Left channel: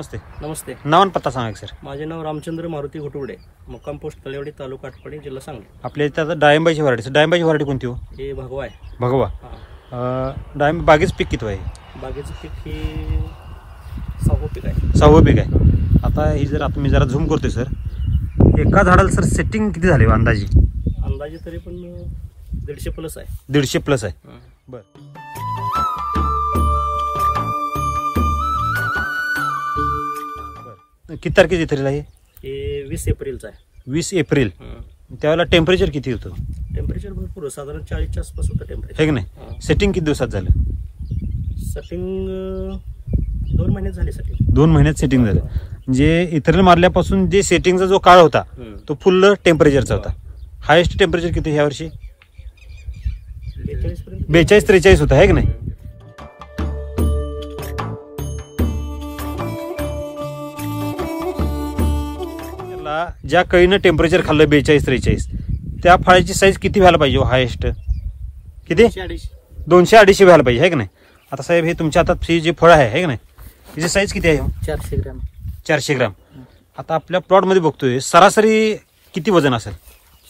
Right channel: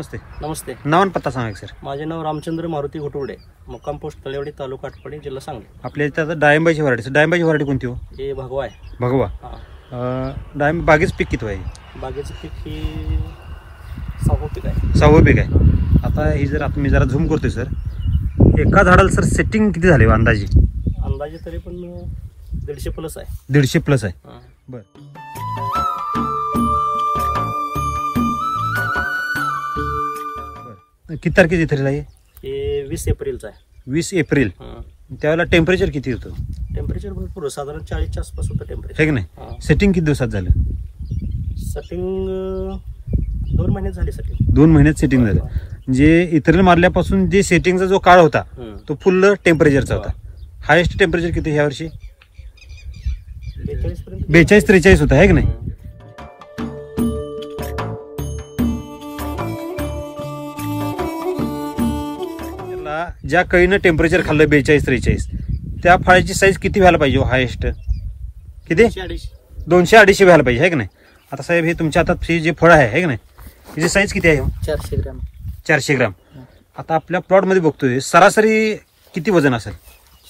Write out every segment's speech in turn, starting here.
नमस्ते. नमस्ते. नाव आणि पत्ता सांगा सर. माझे नाव रामचंद्र मारुती घोटवडे, मुक्काम पोस्ट तळेवाडी, तालुका आटपाडी, जिल्हा सांगली. आपल्या इथे डाळिंबाची व्हरायटी. डाळिंबाची व्हरायटी कोणती हो? हे भगवा आहे. भगवा. डाळिंब बागेचं पीक किती आहे? बागेचं पीक ही 6वं पीक आहे. 6वं पीक आहे. आता ही जर मी जरा झूम करतोय सर, एका झाडाला सर सेटिंग किती झाले अंदाजे? अंदाजे तरी पण 150 प्लस आहे. 150 प्लस आहे. बर. किती तारखेची थरीला आहे? हे 20 एप्रिलचा आहे. 20 एप्रिल. त्यावेळेला टेम्परेचर किती होतं? टेम्परेचर भरपूर, साधारण 40च्या आसपास होतं टेम्परेचर. हे की नाही? सेटिंग किती दिवसात झालं? सेटिंग 2 महिन्यात झाली. सेटिंग 2 महिन्यात सेटिंग झालं. म्हणजे इथेरिल मारल्यापासून जे सेटिंगचा जो काळ होता तो फुल टेम्परेचरचा होता. हायेस्ट टेम्परेचर किती ह्या वर्षी? 42-43 होता, आहे की नाही? ज्या कळीनं टेम्परेचर खाल्लं 42-43, त्या फळाची साईज किती व्हायला पाहिजे? हायेस्ट किती? 200-250 व्हायला पाहिजे, आहे की नाही? आता साहेब हे तुमच्या हातात हे जे फळ आहे की नाही, त्याची साईज किती आहे? 400 ग्रॅम. 400 ग्रॅम. आता आपल्या प्लॉट मध्ये बघतोय सरासरी किती वजन असेल?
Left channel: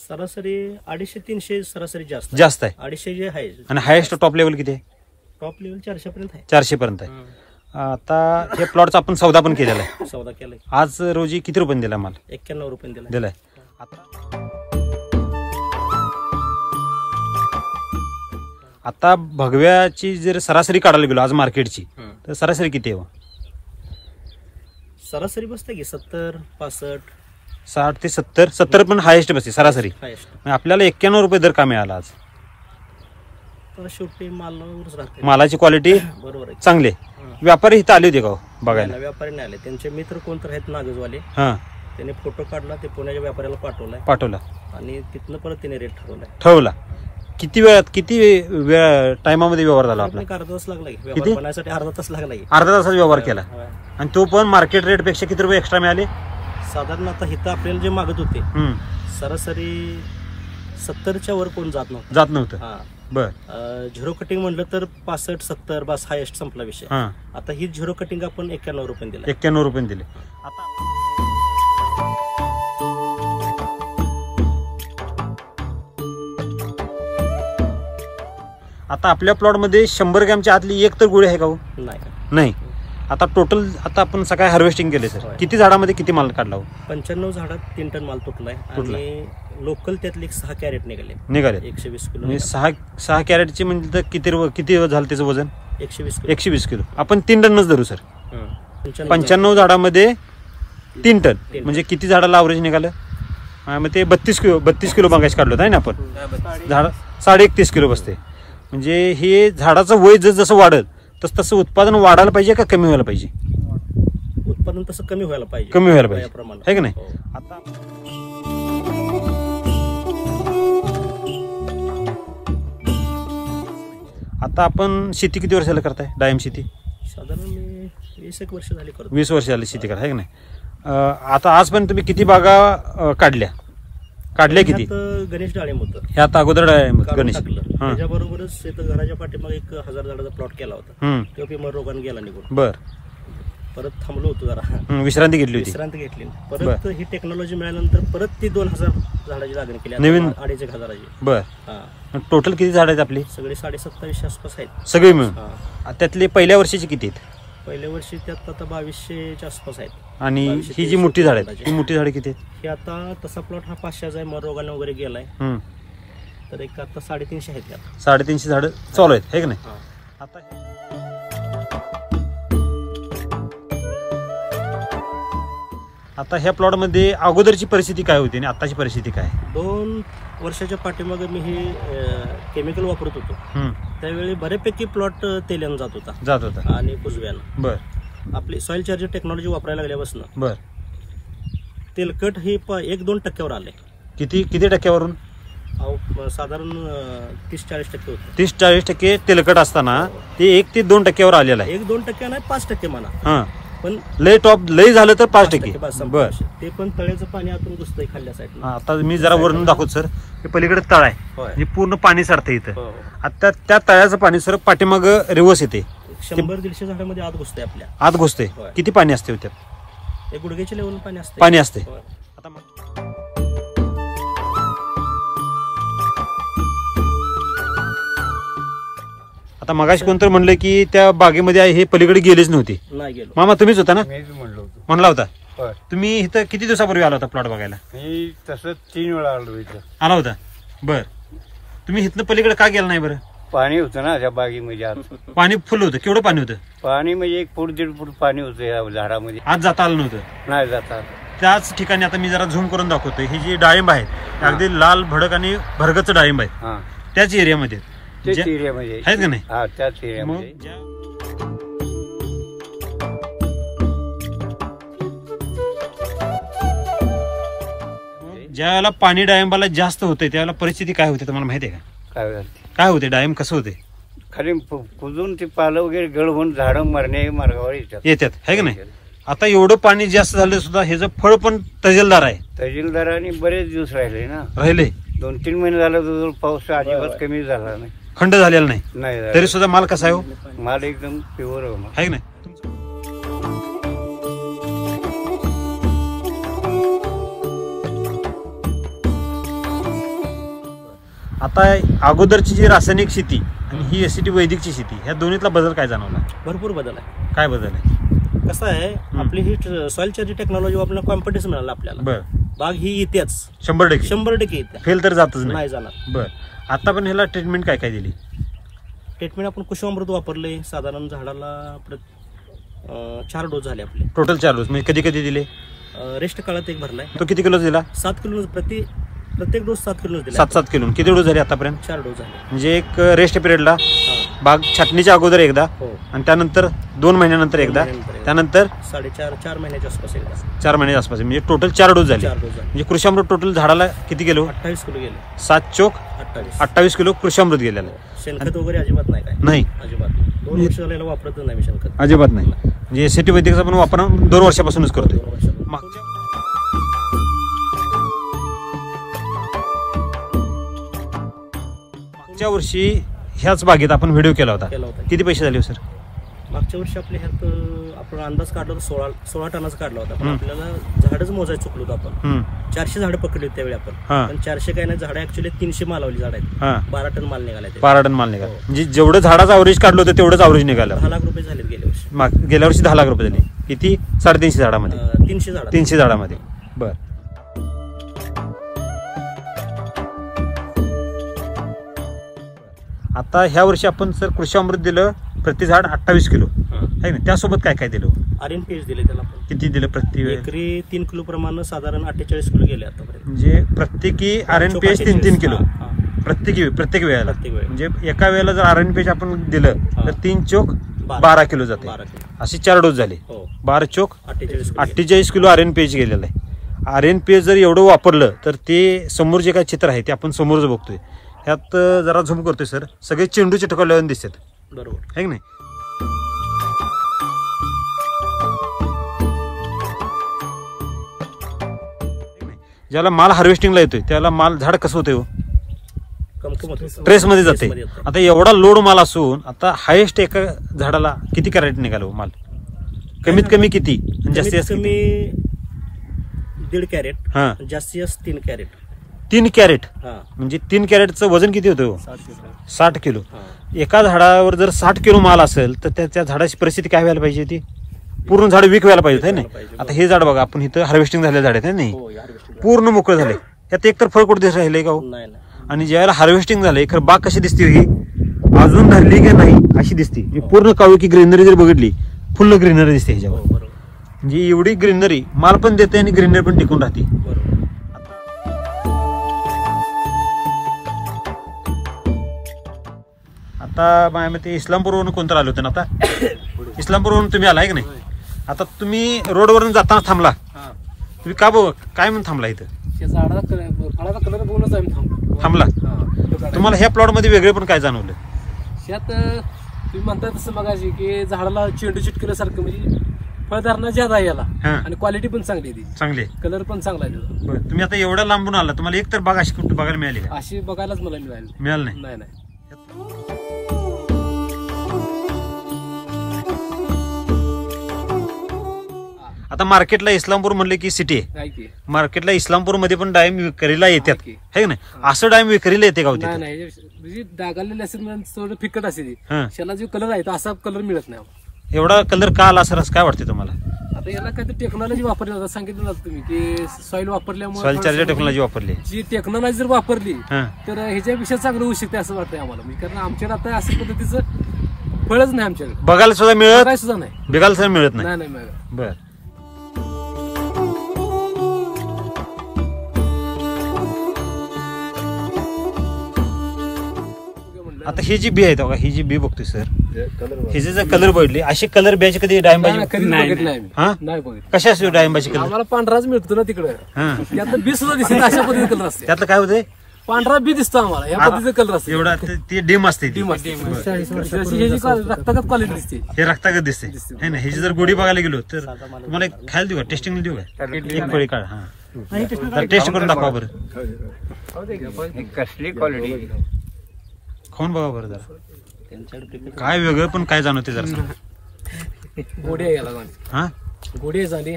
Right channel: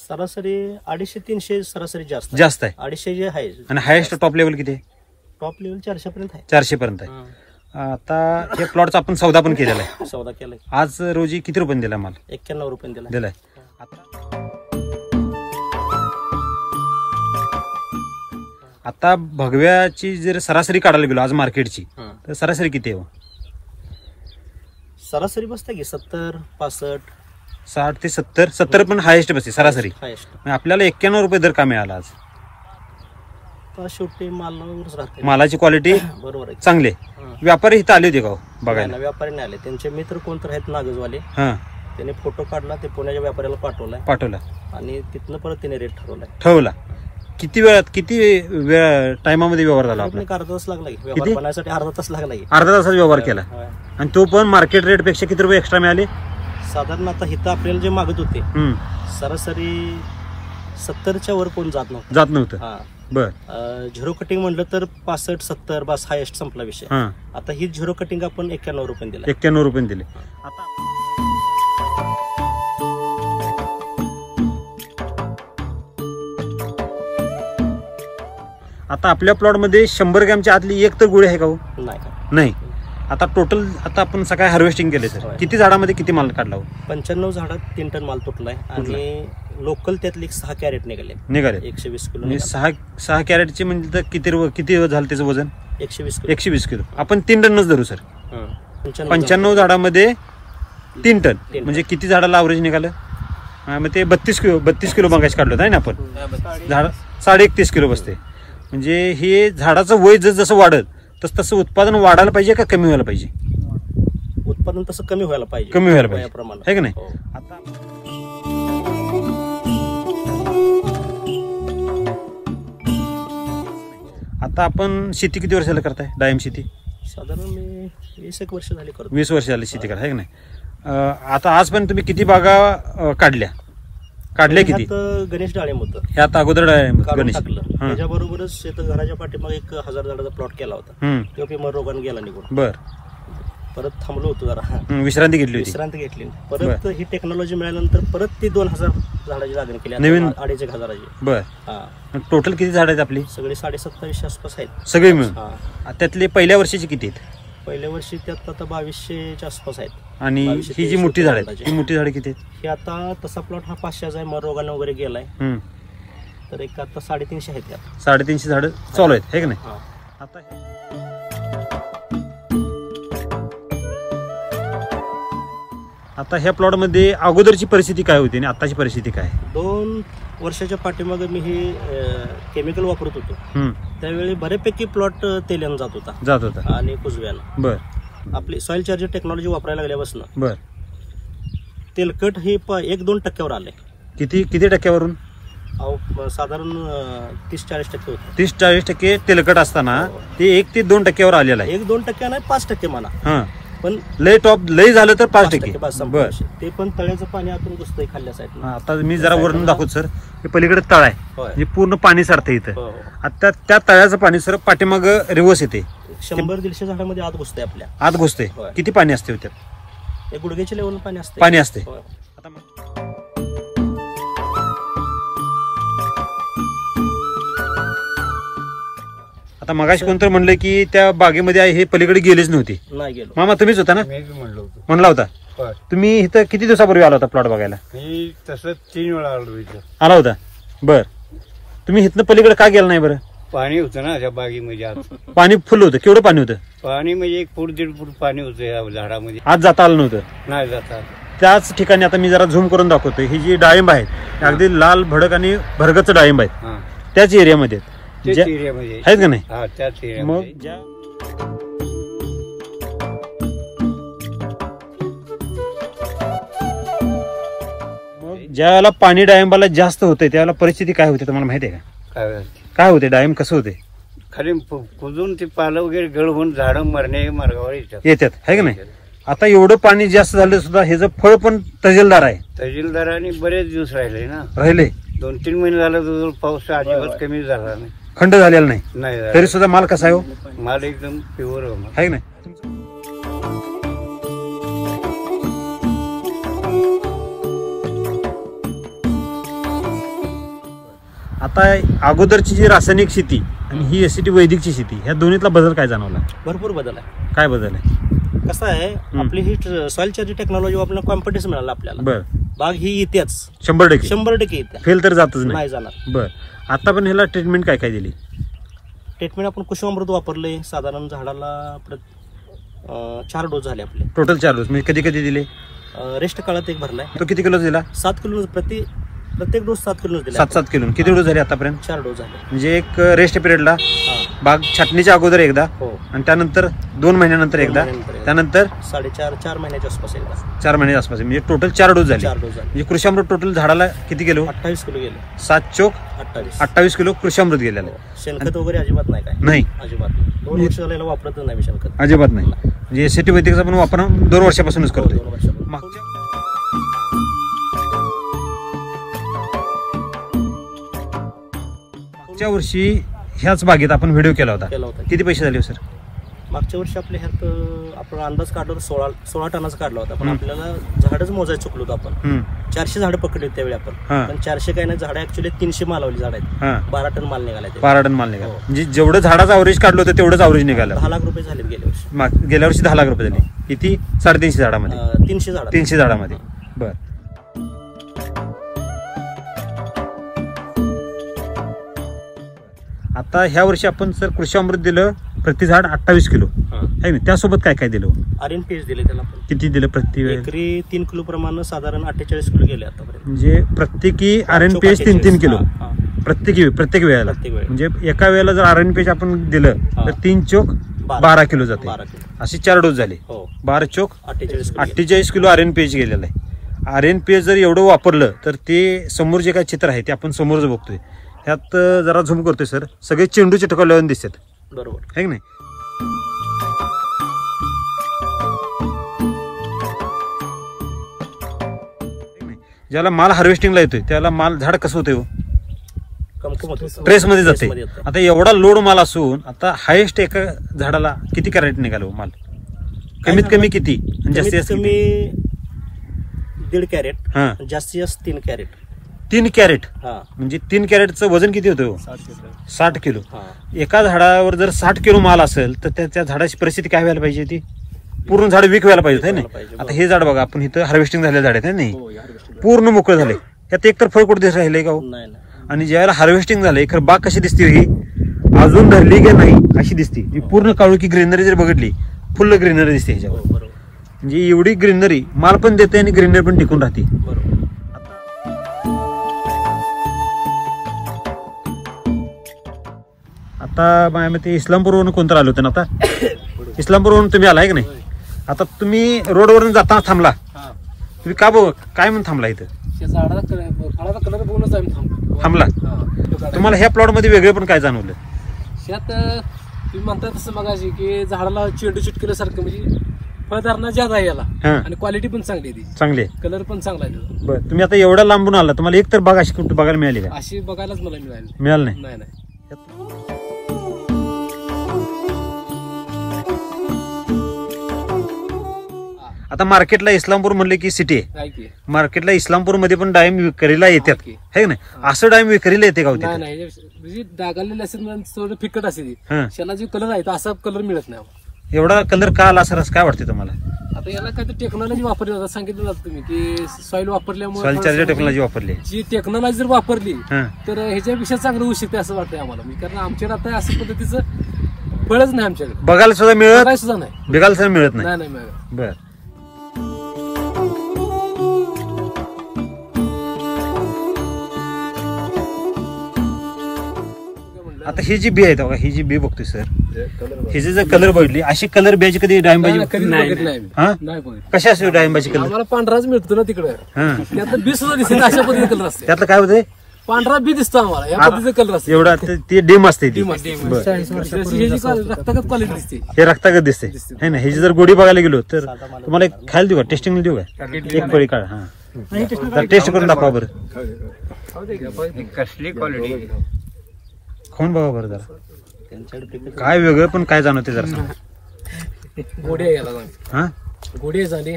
सरासरी 250-300 सरासरी जास्त आहे. 250 जे आहे. आणि हायेस्ट टॉप लेवल किती आहे? टॉप लेवल 400 पर्यंत आहे. 400 पर्यंत आहे. आता हे प्लॉटचा आपण सौदा पण केलेला आहे. सौदा केलाय. आज रोजी किती रुपये दिला माल? 91 रुपये दिलाय. आता भगव्याची जर सरासरी काढायला गेलो आज मार्केटची, तर सरासरी किती आहे? सरासरी बसते की 70-65. 60 ते 70 पण हायेस्ट बसते सरासरी. आपल्याला 91 रुपये दर का मिळाला आज? शेवटी मालावरच राहते. मालाची क्वालिटी बरोबर आहे, चांगली. व्यापारी इथं आले होते का बघायला? व्यापारी नाही आले. त्यांचे मित्र कोणतर आहेत नागजवाले, त्याने फोटो काढला, ते पुण्याच्या व्यापाऱ्याला पाठवला आणि तिथनं परत त्याने रेट ठरवला. किती वेळात किती टायमामध्ये व्यवहार झाला? अर्धा तास लागला. व्यवहार बनायसाठी अर्धा तास लागला. अर्धा तासात व्यवहार केला. आणि तो पण मार्केट रेट पेक्षा किती रुपये एक्स्ट्रा मिळाले? साधारण आता इथं आपल्याला जे मागत होते सरासरी 70च्या वर कोण जात नव्हतं. बर. झिरो कटिंग म्हणलं तर 65-70 बस हायेस्ट संपला विषय. आता ही झिरो कटिंग आपण 91 रुपये दिले. 91 रुपये दिले. आता आपल्या प्लॉट मध्ये 100 ग्रॅमच्या आतली एक तर गुळी आहे का? नाही. आता टोटल आता आपण सकाळी हार्वेस्टिंग केले सर, किती झाडामध्ये किती माल काढला? 95 झाडात 3 टन माल तुटलाय. आणि लोकल त्यातले 6 कॅरेट निघाले. 120 किलो. 6 कॅरेटचे म्हणजे तर किती झालं त्याचं वजन? 120 किलो. आपण 3 टनच धरू सर. 95 झाडामध्ये 3 टन म्हणजे किती झाडाला अवरेज निघालं? मग ते 32 किलो मागायचं काढलं नाही ना आपण? झाड 31.5 किलो बसते. म्हणजे हे झाडाचं वय जसं वाढत तसं उत्पादन वाढायला पाहिजे का कमी व्हायला पाहिजे? उत्पादन तसं कमी व्हायला पाहिजे. आहे की नाही? आता आपण शेती किती वर्षाला करताय डाळिंब शेती? साधारण मी 20 वर्ष झाली करतो. 20 वर्ष झाली शेती करा, आहे की नाही? आता आजपर्यंत तुम्ही किती बागा काढल्या किती? गणेश डाळिंब होतं हे आता अगोदर गणेश टाकलं. त्याच्याबरोबरच घराच्या पाठीमागे 1000 झाडाचा प्लॉट केला होता. तो पेमर रोगाने गेला निघून. बर. परत थांबलो होतो जरा, विश्रांती घेतली. परत ही टेक्नॉलॉजी मिळाल्यानंतर परत ती 2000 झाडाची लागण केली. नवीन 2500. बर. टोटल किती झाड आहेत आपली? सगळे 2750 आसपास आहेत सगळे मिळून. त्यातले पहिल्या वर्षीचे किती आहेत? पहिल्या वर्षी त्यात आता 2200च्या आसपास आहेत. आणि ही जी मोठी झाड आहेत, ही मोठी झाडे किती आहेत? हे आता तसा प्लॉट हा 500 आहे, मर रोगाने वगैरे गेलाय, तर एक आता 350 आहेत. 350 झाड चालू आहेत, हे की नाही? आता ह्या प्लॉट मध्ये अगोदरची परिस्थिती काय होती आणि आताची परिस्थिती काय? 2 वर्षाच्या पाठीमागे मी हे केमिकल वापरत होतो. त्यावेळी बऱ्यापैकी प्लॉट तेल्यानं जात होता आणि कुजव्यानं. बर. आपली सॉइल चार्जर टेक्नॉलॉजी वापरायला लागल्यापासून बर तेलकट हे 1-2 टक्क्यावर आले. किती टक्क्यावरून? साधारण 30-40% होतं. 30-40% तेलकट असताना ते 1 ते 2 टक्क्यावर आलेला आहे. 1-2 टक्के नाही, 5% म्हणा. पण लय झालं तर 5%. बर. ते पण तळ्याचं पाणी आतून घुसतंय खाल्ल्या साईडला. आता मी जरा वरून दाखवतो सर. हे पलीकडे तळ आहे, हे पूर्ण पाणी सारतं इथं. आता त्या तळ्याचं पाणी सर पाठीमाग रिवर्स येते 100-150 झाडामध्ये आत घुसते आपल्या. आत घुसते. किती पाणी असते त्यात? एक गुडघ्याच्या लेवल पाणी असते. आता मगाशी कोणतरी म्हणलं की त्या बागेमध्ये हे पलीकडे गेलेच नव्हते. नाही गेलो. मामा तुम्हीच होता ना? म्हणला होता. तुम्ही इथं किती दिवसापूर्वी आला होता प्लॉट बघायला? तसं 3 वेळा आलो इथं. आला होता. बर, तुम्ही इथनं पलीकडे का गेला नाही बरं? पाणी होतं ना त्या बागेमध्ये. आत पाणी फुल होतं. केवढं पाणी होतं? पाणी म्हणजे 1 फूट 1.5 फूट पाणी होतं या झाडामध्ये. आज जाता आलं नव्हतं? नाही जाता. त्याच ठिकाणी आता मी जरा झूम करून दाखवतोय. ही जी डाळिंब आहेत अगदी लाल भडक आणि भरगच डाळिंब आहेत. त्याच एरियामध्ये आहेत का नाही? त्याच मग ज्यावेळेला पाणी डाळिंबाला जास्त होते त्यावेळेला परिस्थिती काय होते तुम्हाला माहिती आहे का? काय होते? डाळिंब कसं होते? खाली कुजून ते पालं वगैरे गळ होऊन झाडं मरणे मार्गावर येतात, आहे का नाही? आता एवढं पाणी जास्त झालं सुद्धा हे फळ पण तजेलदार आहे. तजेलदार आणि बरेच दिवस राहिले ना. राहिले 2-3 महिने झालं तर पाऊस अजिबात कमी झाला नाही. खंड झालेला नाही. तरी सुद्धा माल कसा आहे हो? माल एकदम प्युअर आहे का नाही? आता अगोदरची जी रासायनिक शेती आणि ही एसीटी वैदिकची शेती ह्या दोन्हीतला बदल काय जाणवला? भरपूर बदल आहे. काय बदल आहे? कसं आहे, आपली ही सॉइल चार्ज टेक्नॉलॉजी आपल्याला कॉम्पिटिशन मिळालं आपल्याला. बर, बाग ही येतेच 100% येते. फेल तर जातच नाही जाणार. बर, आता पण ह्याला ट्रीटमेंट काय काय दिली? ट्रीटमेंट आपण कुसुमामृत वापरले. साधारण झाडाला 4 डोस झाले आपले. Total 4 dose. म्हणजे कधी कधी दिले? रेस्ट काळात 1 भरलाय. तो किती किलो दिला? 7 किलो प्रत्येक डोस 7 किलो दिला. 7 किलो. किती डोस झाले आतापर्यंत? 4 डोस झाले. म्हणजे एक रेस्ट पिरियडला बाग छाटणीच्या अगोदर एकदा आणि त्यानंतर 2 महिन्यानंतर एकदा, त्यानंतर 4.5 महिन्याच्या आसपास एकदा. 4 महिन्याच्या आसपास. म्हणजे टोटल 4 डोस झाले. म्हणजे कृषामृत टोटल झाडाला किती किलो? 28 किलो गेले. 7 चोक 28 किलो कृषामृत गेलेलं. शेणखत वगैरे अजिबात नाही. काय नाही? अजिबात नाही. 2 वर्ष झालेलं वापरतच नाही शेणखत. अजिबात नाही. म्हणजे एसीटी वैदिकचा पण वापर 2 वर्षापासूनच करतो. मागच्या वर्षी ह्याच बागेत आपण व्हिडिओ केला होता. किती पैसे झाले सर? मागच्या वर्षी आपल्या ह्यात आपण अंदाज काढला होता 16 टनाचा काढला होता. पण आपल्याला झाडच मोजायला चुकलो होतो आपण. 400 झाडं पकडली त्यावेळी आपण. पण 400 काय नाही, झाडं ऍक्च्युअली 300 मालावली झाड आहेत. 12 टन माल निघाला. 12 टन माल निघाला. म्हणजे जेवढं झाडाचं अवरेज काढलं होतं तेवढंच अवरेज निघालं. 10 लाख रुपये झाले गेल्या वर्षी 10 लाख रुपये झाले. किती? 350 झाडामध्ये. 300 झाडामध्ये. बर, आता ह्या वर्षी आपण सर कृषामृत दिलं प्रति झाड 28 किलो आहे ना. त्यासोबत काय काय दिलं? RNPH दिले त्याला. किती दिलं? प्रति एकरी 3 किलो प्रमाणे साधारण 48 किलो गेले आतापर्यंत. म्हणजे प्रत्येकी RNPH 3 किलो प्रत्येक वेळेला. म्हणजे एका वेळेला जर RNPH आपण दिलं तर 3 चोक 12 किलो जाते. असे 4 डोस झाले. 12 चोक 48 किलो RNPH गेलेला आहे. RNPH जर एवढं वापरलं तर ते समोर जे काय चित्र आहे ते आपण समोरच बघतोय. ह्यात जरा झूम करतोय सर, सगळे चेंडू चिटकवल्यावर दिसतात. बरोबर आहे की नाही? ज्याला माल हार्वेस्टिंगला येतोय त्याला माल झाड कसं होतंय? ट्रेसमध्ये जाते. आता एवढा लोड माल असून आता हायेस्ट एका झाडाला किती कॅरेट निघालो माल? कमीत कमी किती? जास्तीत कमी 1.5 कॅरेट. जास्तीत जास्त 3 कॅरेट. 3 कॅरेट. म्हणजे 3 कॅरेटचं वजन किती होतं? 60 किलो. एका झाडावर जर 60 किलो माल असेल तर त्या झाडाची परिस्थिती काय व्हायला पाहिजे? ती पूर्ण झाड वीक व्हायला पाहिजे ना. आता हे झाड बघा, आपण इथं हार्वेस्टिंग झालेलं झाड आहे नाही, पूर्ण मोकळं झाले. यात एकतर फळ कुठे दिसत राहिले का? आणि ज्यावेळेला हार्वेस्टिंग झालंय खरं बाग कशी दिसते? ही अजून धरली की नाही अशी दिसते. पूर्ण काळू की ग्रीनरी जर बघितली फुल ग्रीनरी दिसते ह्याच्यावर. म्हणजे एवढी ग्रीनरी माल पण देते आणि ग्रीनरी पण टिकून राहते. आता माझ्या मते इस्लामपूरवरून कोणतं आलं होतं ना? आता इस्लामपूरवरून तुम्ही आलाय की नाही? आता तुम्ही रोडवरून जाताना थांबला. तुम्ही का काय म्हणून थांबला इथं? थांबला. तुम्हाला ह्या प्लॉट मध्ये वेगळे पण काय जाणवलं? त्यात तुम्ही म्हणता तसं मगाशी की झाडाला चेंडू चिटकल्यासारखं, म्हणजे फळधारणा ज्यादा आहे याला आणि क्वालिटी पण चांगली आहे. चांगली आहे. कलर पण चांगला आहे. बरं, तुम्ही आता एवढ्या लांबून आला, तुम्हाला एक तर बाग अशी कुठे बघायला मिळाली का? अशी बघायलाच मला मिळाली नाही. आता मार्केटला इस्लामपूर म्हणले की सिटी आहे, आहे की मार्केटला इस्लामपूरमध्ये पण डाळिंब विक्रीला येतात की. है ना? असं डाळिंब विक्रीला येते का नाही नाही म्हणजे डागालेले असेल म्हणजे थोडं फिकट असेल हं. त्याला जो कलर आहे तो असा कलर मिळत नाही आम्हाला. एवढा कलर का आला सर काय वाटते तुम्हाला? आता याला काय टेक्नॉलॉजी वापरली जातात, सांगितलं जातं तुम्ही की सॉइल वापरल्यामुळे सॉइल चार्जर टेक्नॉलॉजी वापरली. जी टेक्नॉलॉजी जर वापरली हं. तर ह्याच्यापेक्षा चांगलं होऊ शकते असं वाटतंय आम्हाला. म्हणजे कारण आमच्याकडे आता असं पद्धतीचं फळच नाही आमच्याकडे, बघायला सुद्धा मिळत काय सुद्धा नाही. बघायला सुद्धा मिळत नाही. नाही नाही मिळत. बर आता ही जी बी आहे बघा, ही जी बी बघतोय सर, ही जी कलर बघितली अशी कलर बियाची कधी डाळिंबाची कधी बघितली नाही आम्ही. हा नाही बघितली. कशी असते डाळिंबाची कलर? आम्हाला पांढराच मिळतो ना तिकडे, हा त्यातलं बी सुद्धा दिसत अशा पद्धतीचे कलर असते. त्यातलं काय होतंय? पांढरा बी दिसतो आम्हाला या पद्धतीचं कलर असते. एवढा ती डिम असते ती. ह्याची रक्तागत क्वालिटी दिसते. हे रक्तागत दिसते है ना? ह्याची जर गोडी बघायला गेलो तर तुम्हाला एक खायला देऊ का, टेस्टिंग देऊ का? एक पळी काढ. हा टेस्ट करून दाखवा बरं, कसली क्वालिटी. खाऊन बघा बरं जरा काय वेगळं पण काय जाणवते जरा. गोडी आहे याला, हा गोडी आहे झाली.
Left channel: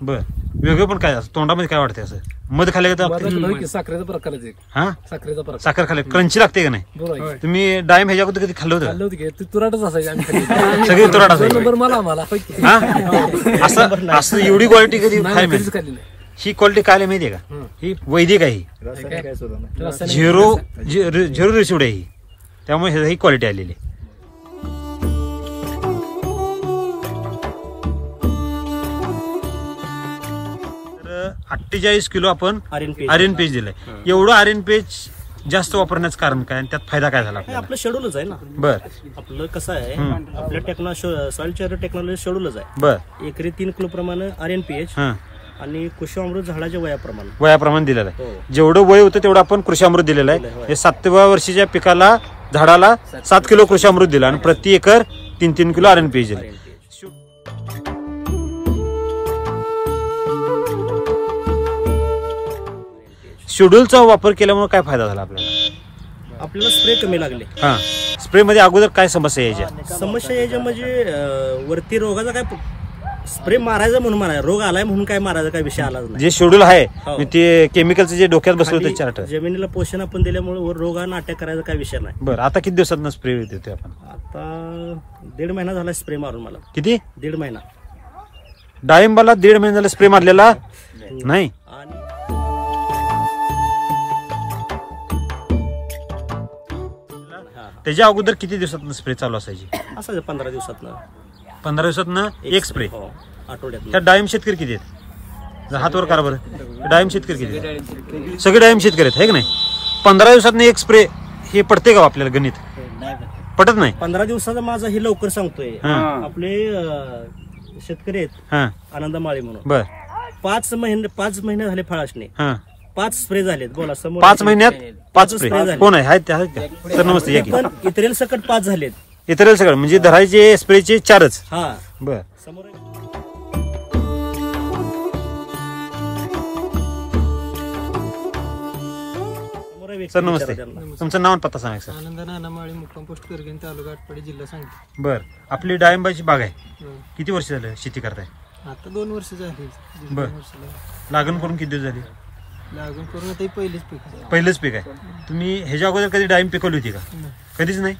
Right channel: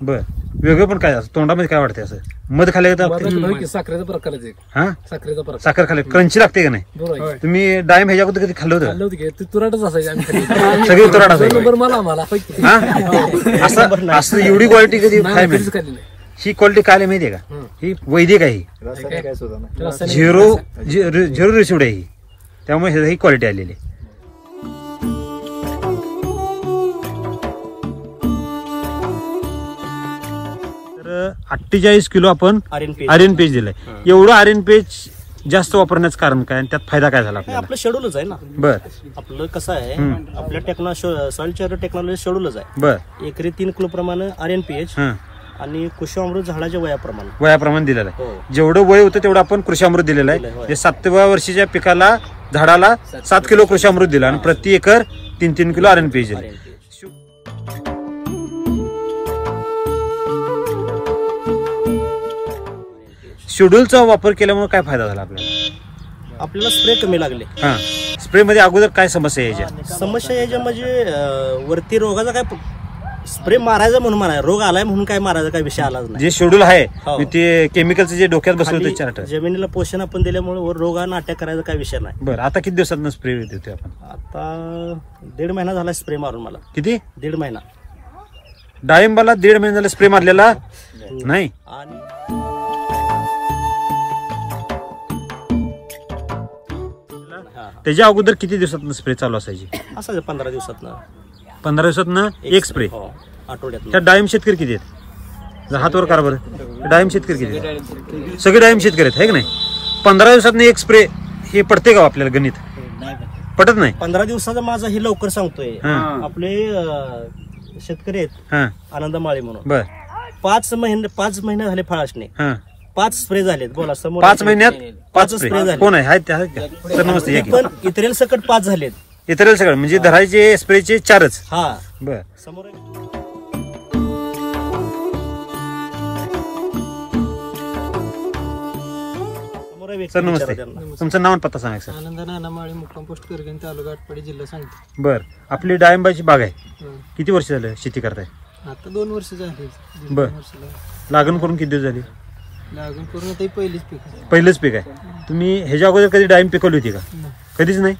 बर वेगळं पण काय असं तोंडामध्ये काय वाटते? असं मध खाले का? साखरेचा प्रकारच आहे. हा साखरेचा प्रकार. साखर खाले क्रंची लागते का नाही? बरोबर आहे. तुम्ही डाळिंब ह्याच्या अगोदर कधी खाल्लं होतं? खाल्लं होतं की ते तुराटच असायची आम्ही खाल्ली. सगळी तुराट असायची. नंबर मला आम्हाला हा असं असं एवढी क्वालिटी कधी नाही, काय कधीच मिळते? खाल्ली नाही. ही क्वालिटी काय माहितीये का? ही वैदिक आहे, रासायनिक झिरो रिसिवड आहे ही, त्यामुळे ही क्वालिटी आलेली आहे. तर 48 किलो आपण आर्यन पेज दिलाय. एवढं आर्यन पेज जास्त वापरण्याचं कारण काय आणि त्यात फायदा काय झाला आपल्याला? आपलं शेड्यूलच आहे ना. बर आपलं कसं आहे, आपल्या सॉइल चार्जर टेक्नॉलॉजी शेड्यूलच आहे. बर एकरी 3 किलो प्रमाणे RNPH हा आणि कृषी झाडाच्या वयाप्रमाणे वयाप्रमाणे दिलेलं आहे. हो. जेवढं वय होतं तेवढं आपण कृषी दिलेलं आहे. होय. हे 7व्या वर्षीच्या पिकाला झाडाला 7 किलो कृषी दिलं आणि प्रति एकर 3-3 किलो आर्यन पेज दिलं. RNPH. शेड्यूलचा वापर केल्यामुळे काय फायदा झाला आपल्याला? आपल्याला स्प्रे कमी लागले. हा स्प्रे मध्ये अगोदर काय समस्या यायच्या? समस्या याच्या म्हणजे वरती रोगाचा काय स्प्रे मारायचा म्हणून मारायचा, रोग आलाय म्हणून काय मारायचा काय विषय आलाच नाही. जे शेड्यूल आहे हो. ते केमिकलचं जे डोक्यात बसलं खाली होतं चार्ट. जमिनीला पोषण आपण दिल्यामुळे वर रोगानं अटॅक करायचा काय विषय नाही. बरं आता किती दिवसात स्प्रे देतोय आपण? आता 1.5 महिना झाला स्प्रे मारून मला. किती? 1.5 महिना. डाळिंबाला 1.5 महिन्याला स्प्रे मारलेला नाही. आणि त्याच्या अगोदर किती दिवसात स्प्रे चालू असायची? असं 15 दिवसात 15 दिवसात एक स्प्रे. आठवड्यात. त्या डाळिंब शेतकरी किती आहेत? हातवर कार बरं, डाळिंब शेतकरी किती आहेत? सगळे डाळिंब शेतकरी आहेत, है की नाही? 15 दिवसात एक स्प्रे हे पडते का आपल्याला? गणित पटत नाही. 15 दिवसाचं माझं हे लवकर सांगतोय. हा. आपले शेतकरी आहेत हा आनंद माळी म्हणून, बर 5 महिने झाले फळाशने, हा 5 स्प्रे झालेत. बोला समोर 5 महिन्यात 5 स्प्रे स्प्रे झाले. कोण आहे? आहेत का? सर नमस्ते या की. पण इतरेल सकट 5 झालेत. इतर सगळं म्हणजे धरायचे स्प्रेचे 4च. हा बर समोर सर नमस्ते, तुमचं नाव आणि पत्ता सांगा सर. आनंद नानामाळी मुक्काम पोस्ट करगण तालुका आटपाडी जिल्हा सांगते. बर आपली डाळिंबाची बाग आहे, किती वर्ष झालं शेती करताय? आता 2 वर्ष झाली. बर. लागण करून किती दिवस झाली? लागून करून आता ही पहिलीच पीक आहे. पहिलंच पीक आहे. तुम्ही ह्याच्या अगोदर कधी डाळिंब पिकवली होती का? नाही, कधीच नाही.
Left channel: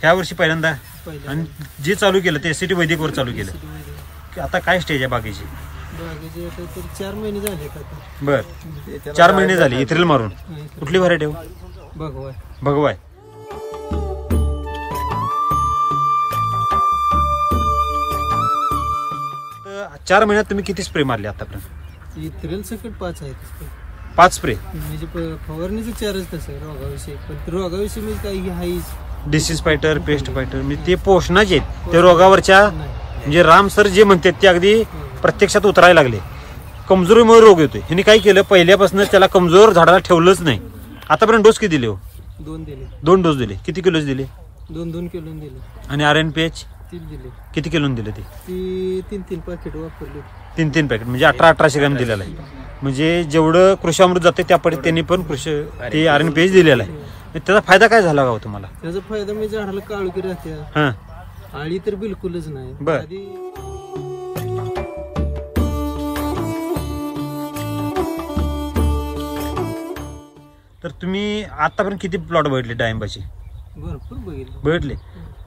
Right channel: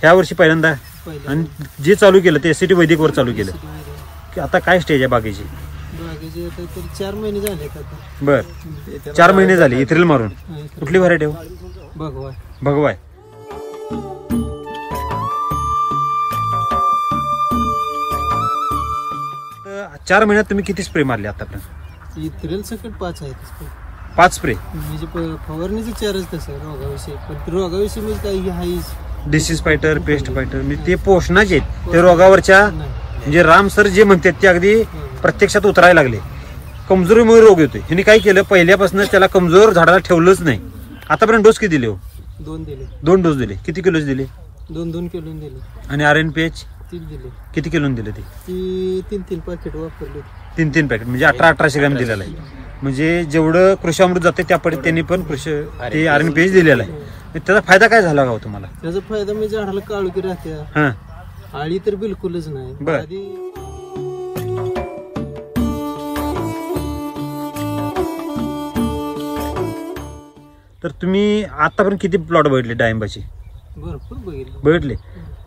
ह्या वर्षी पहिल्यांदा. पहिलं आणि जे चालू केलं ते SCT वैदिक वर चालू केलं. की आता काय स्टेज आहे बागेची? बागेचे आता तरी 4 महिने झाले आता. बर 4 महिने झाले इथ्रिल मारून. कुठली व्हरायटी हो? भगवाय. भगवाय. 4 महिन्यात तुम्ही किती स्प्रे मारले आतापर्यंत? इथरेल सकट 5 आहेत. 5 स्प्रे. म्हणजे फवारणीचं 4च तसं रोगाविषयी. पण रोगाविषयी म्हणजे काही हाईच डिसीज फायटर, पेस्ट फायटर म्हणजे ते पोषणाचे आहेत. ते रोगावरच्या नाही. म्हणजे राम सर जे म्हणतात ते अगदी प्रत्यक्षात उतरायला लागले. कमजोरीमुळे रोग येतोय. ह्यांनी काय केलं, पहिल्यापासून त्याला कमजोर झाडाला ठेवलंच नाही. आतापर्यंत डोस किती दिले हो? 2 दिले. 2 डोस दिले. किती किलोच दिले? 2 किलो दिले. आणि RNPH 3 दिले. किती किलो दिले? ते ती 3 पाकिट वापरले. 3 पॅकेट म्हणजे 1800 ग्रॅम दिलेला आहे. म्हणजे जेवढं कृषी अमृत जाते त्या पद्धतीने त्यांनी पण कृषी ते RNPH दिलेला आहे. त्याचा फायदा काय झाला का तुम्हाला? त्याचा फायदा म्हणजे झाडाला काळुकी राहते, हा आळी तर बिलकुलच नाही. बर. आधी तर तुम्ही आतापर्यंत किती प्लॉट बघितले डाळिंबाची? भरपूर बघितले.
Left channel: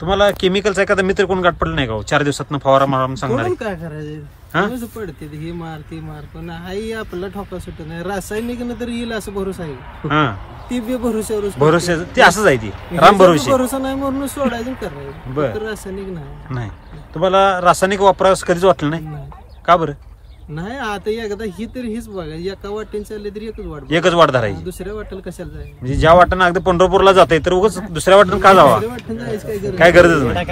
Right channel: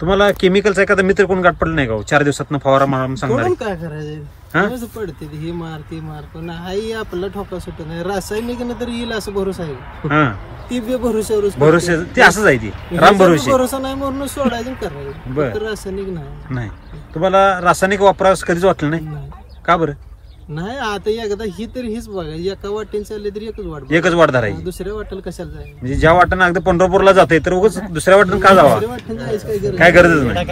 तुम्हाला केमिकलचा एखादा मित्र कोण गाठ पडलं नाही का? 4 दिवसात फवारा मारून सांगणार काय करायचं पडते हे मार ते मार पण आई आपला ठोका सुट नाही. रासायनिक तर येईल असं भरोसा आहे. ती बी भरोसा ते असंच आहे. ती राम भरोसा नाही म्हणून सोडायचं करायचं. रासायनिक नाही. तुम्हाला रासायनिक वापरास कधीच वाटलं नाही का बरं? नाही. आता एकदा ही तर हीच बघा, एका वाटेने चालले तरी एकच वाट धरायची. दुसऱ्या वाटेला कशाला जायचं? म्हणजे ज्या वाटेनं अगदी पंढरपूरला जाते तर उगाच दुसऱ्या वाटेनं का जावं? काय गरजच नाही.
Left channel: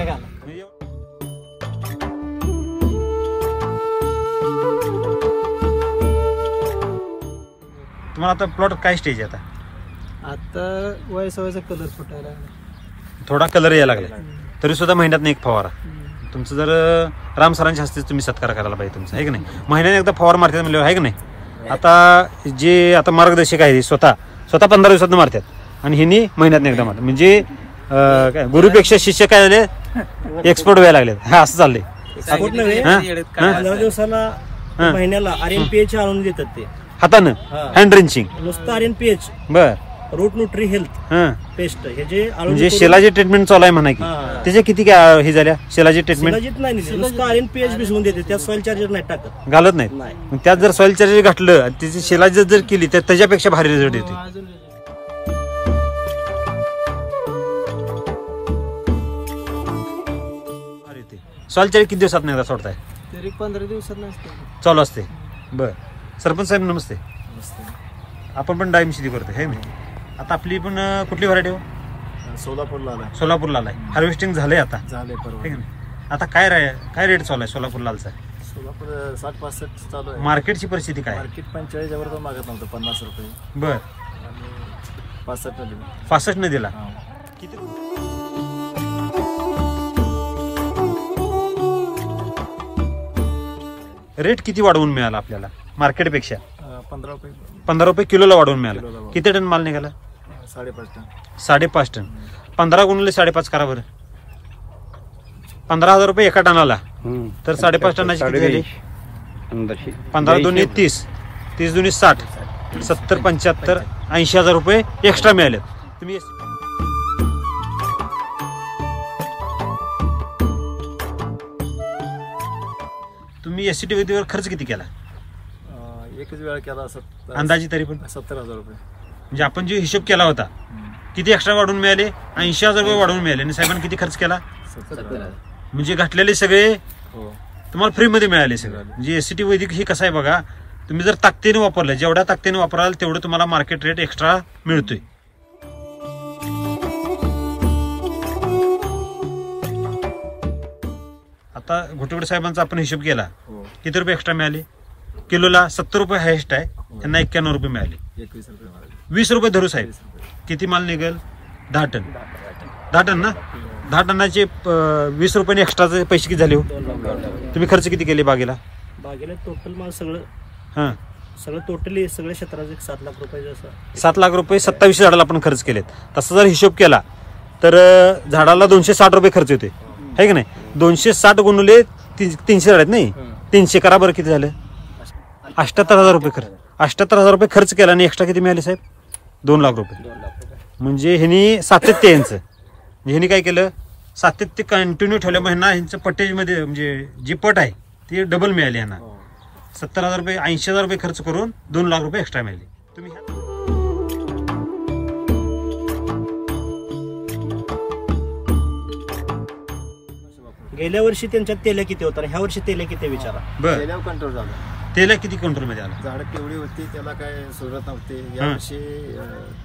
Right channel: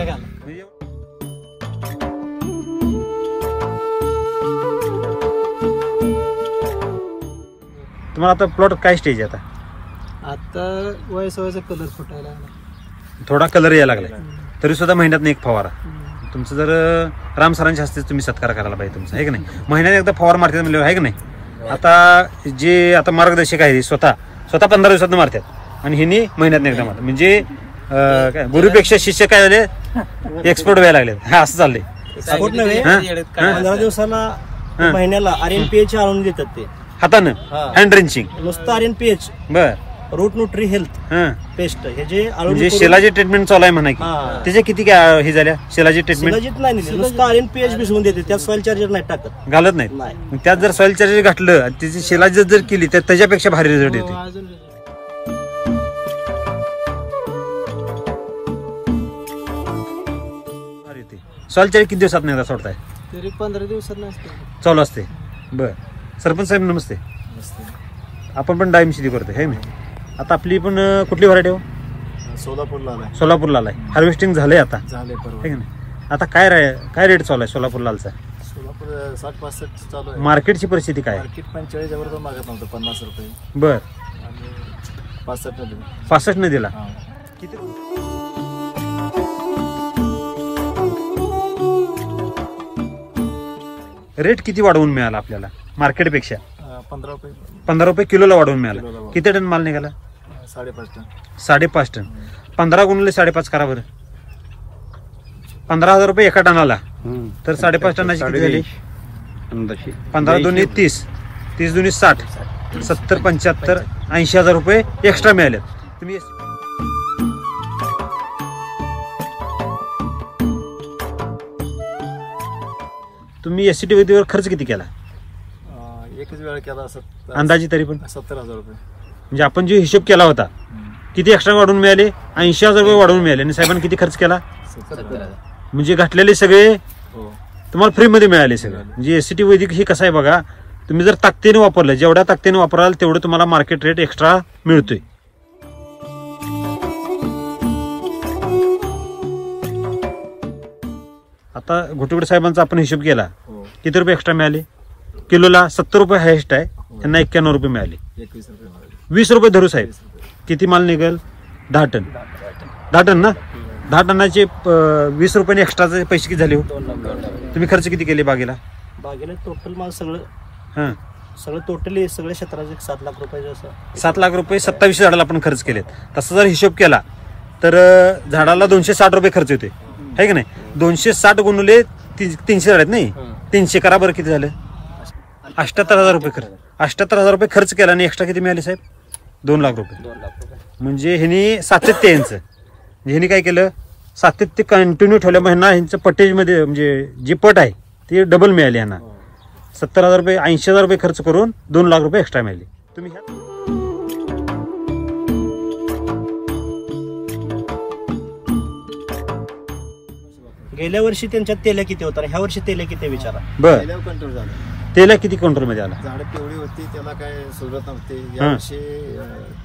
तुम्हाला आता प्लॉट काय स्टेज आहे? आता वयसा कलर फुटायला लागला, थोडा कलर यायला लागलाय, तरी सुद्धा महिन्यात एक फवारा. तुमचं जर राम सरांच्या हस्ते तुम्ही सत्कार करायला पाहिजे तुमचा, आहे की नाही? महिन्यात एकदा फवार मारतात म्हणजे, आहे की नाही? आता आता मार्गदर्शक आहे स्वतः 15 दिवसात मारतात आणि हिनी महिन्यात एकदा मारतात. म्हणजे गुरुपेक्षा शिष्य काय झाले, एक्सपर्ट व्हायला लागले. असं चाललंय. 15 दिवसाला महिन्याला RNPH आणून देतात ते हातानं, हँड ड्रेंचिंग नुसतं RNPH. बर. रूट न्यूट्री हेल्थ पेस्ट हे जे म्हणजे शेलाची ट्रीटमेंट चालू आहे म्हणा की त्याच्या किती हे झाल्या शेलाची ट्रीटमेंट? शिलाजीत नाही, नुसतं RNPH भिजवून देते, त्यात सॉइल चार्जर नाही टाकत, घालत नाही. त्यात जर सॉइल चार्जर घातलं आणि त्याची शेलाजी जर केली तर त्याच्यापेक्षा भारी रिझल्ट येते. सॉइल चार्जर किती दिवसात नाही सोडताय? तरी 15 दिवसात नसते चालू असते. बर. सरपंच साहेब नमस्ते. आपण पण डाळिंब शेती करतोय, है ना? आता आपली पण कुठली व्हरायटी हो? सोलापूर लाल आहे. हार्वेस्टिंग झालंय आता, आहे की नाही? आता काय रेट चालू आहे सोलापूर लालचा? सोलापूर 60-65 चालू आहे. मार्केटची परिस्थिती काय? मार्केट 45 वर मागत नव्हतं, 50 रुपये. बर. आणि 65 न दिला. 65 न दिला. रेट किती वाढवून मिळाला आपल्याला मार्केटपेक्षा? 15 रुपये किलोला वाढवून मिळाला. किती टन माल निघाला? 5.5 टन. 5.5 टन. 15 गुणिले 5.5 करा बरं. 15,000 रुपये एका टनाला. तर 5.5 टनाची किती झाली? 15 दुनी 30, 30 दुनी 60, 70, 75, 80,000 रुपये एक्स्ट्रा मिळाले. तुम्ही SCT वैदिकवर खर्च किती केला? एकच वेळा केला. अंदाजे तरी पण 70,000 रुपये. म्हणजे आपण जो हिशोब केला होता किती एक्स्ट्रा वाढून मिळाले? 80,000 रुपये वाढवून मिळाले. आणि साहेबांनी किती खर्च केला? 70,000. म्हणजे घातलेले सगळे तुम्हाला फ्रीमध्ये मिळाले सगळं. म्हणजे SCT वैदिक हे कसं आहे बघा, तुम्ही जर ताकदीने वापरलं, जेवढ्या ताकदीने वापराल तेवढं तुम्हाला मार्केट रेट एक्स्ट्रा मिळतोय. आता घोटवडे साहेबांचा आपण हिशोब केला, किती रुपये एक्स्ट्रा मिळाले? किलोला 70 रुपये हायस्ट आहे, त्यांना 91 रुपये मिळाले. 21 रुपये. 20 रुपये धरू साहेब. किती माल निघेल? 10 टन. 10 टन ना? 10 टनाचे 20 रुपये एक्स्ट्राचे पैसे किती झाले हो? तुम्ही खर्च किती केले बागेला? टोटल माल सगळं टोटली सगळ्या क्षेत्राचे 7 लाख रुपये. 7 लाख रुपये 27 झाडाला आपण खर्च केलेत. तसा जर हिशोब केला तर झाडाला 260 रुपये खर्च होते, आहे की नाही? 260 गुणुले 300 झाड आहेत नाही, 300 करा बरं, किती झालं? 78,000 रुपये खर्च. 78,000 रुपये खर्च केला आणि एक्स्ट्रा किती मिळाले साहेब? 2 लाख रुपये. म्हणजे ह्यांनी सातत्य यांचं, ह्यांनी काय केलं, सातत्य कंटिन्यू ठेवल्या. ह्यांना ह्यांचं पटेज मध्ये म्हणजे जी पट आहे ती डबल मिळाली. ह्यांना 70,000 रुपये 80,000 रुपये खर्च करून 2 लाख रुपये एक्स्ट्रा मिळाले. तुम्ही गेल्या वर्षी त्यांच्यात तेल्या किती होता, ह्या वर्षी तेल्या किती विचारा. बरं. कंट्रोल झाला. तेला किती कंट्रोल मध्ये आला? झाड केवढी होती त्याला काय सुरुवात नव्हती. यावर्षी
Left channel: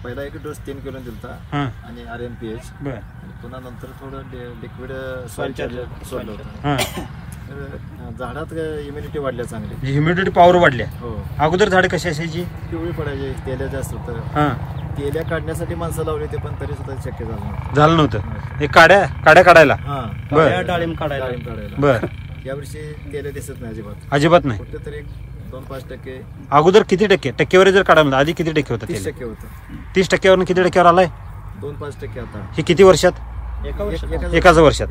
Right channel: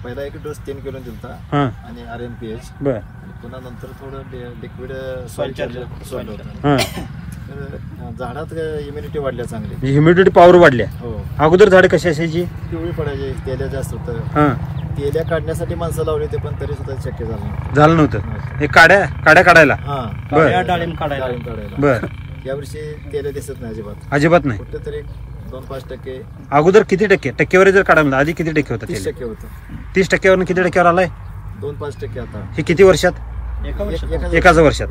पहिला एक डोस 3 किलो दिलता आणि RNPH. बर. पुन्हा नंतर थोडं लिक्विड सॉइल चार्जर सोडलं होतं. तर झाडात इम्युनिटी वाढल्या चांगली, ह्युमिडिटी पॉवर वाढल्या. हो. अगोदर झाडे कशी असायची? पिवळी पडायची, तेल्या जास्त होतं. तेल्या काढण्यासाठी माणसं लावली होती पण तरी सुद्धा शक्य झालं नव्हतं. हे काड्या काढायला. बर. डाळिंब काढायला. बर. यावर्षी तेल्या दिसत नाही अजिबात नाही. कुठेतरी 2-5%. अगोदर किती टक्केवारी जर काढायला आधी किती टक्के होतं? 30% होतं. 30 टक्क्यावर किती टक्क्यावर आलाय? 2-5% आता. हे किती वर्षात? एकाच वर्षात.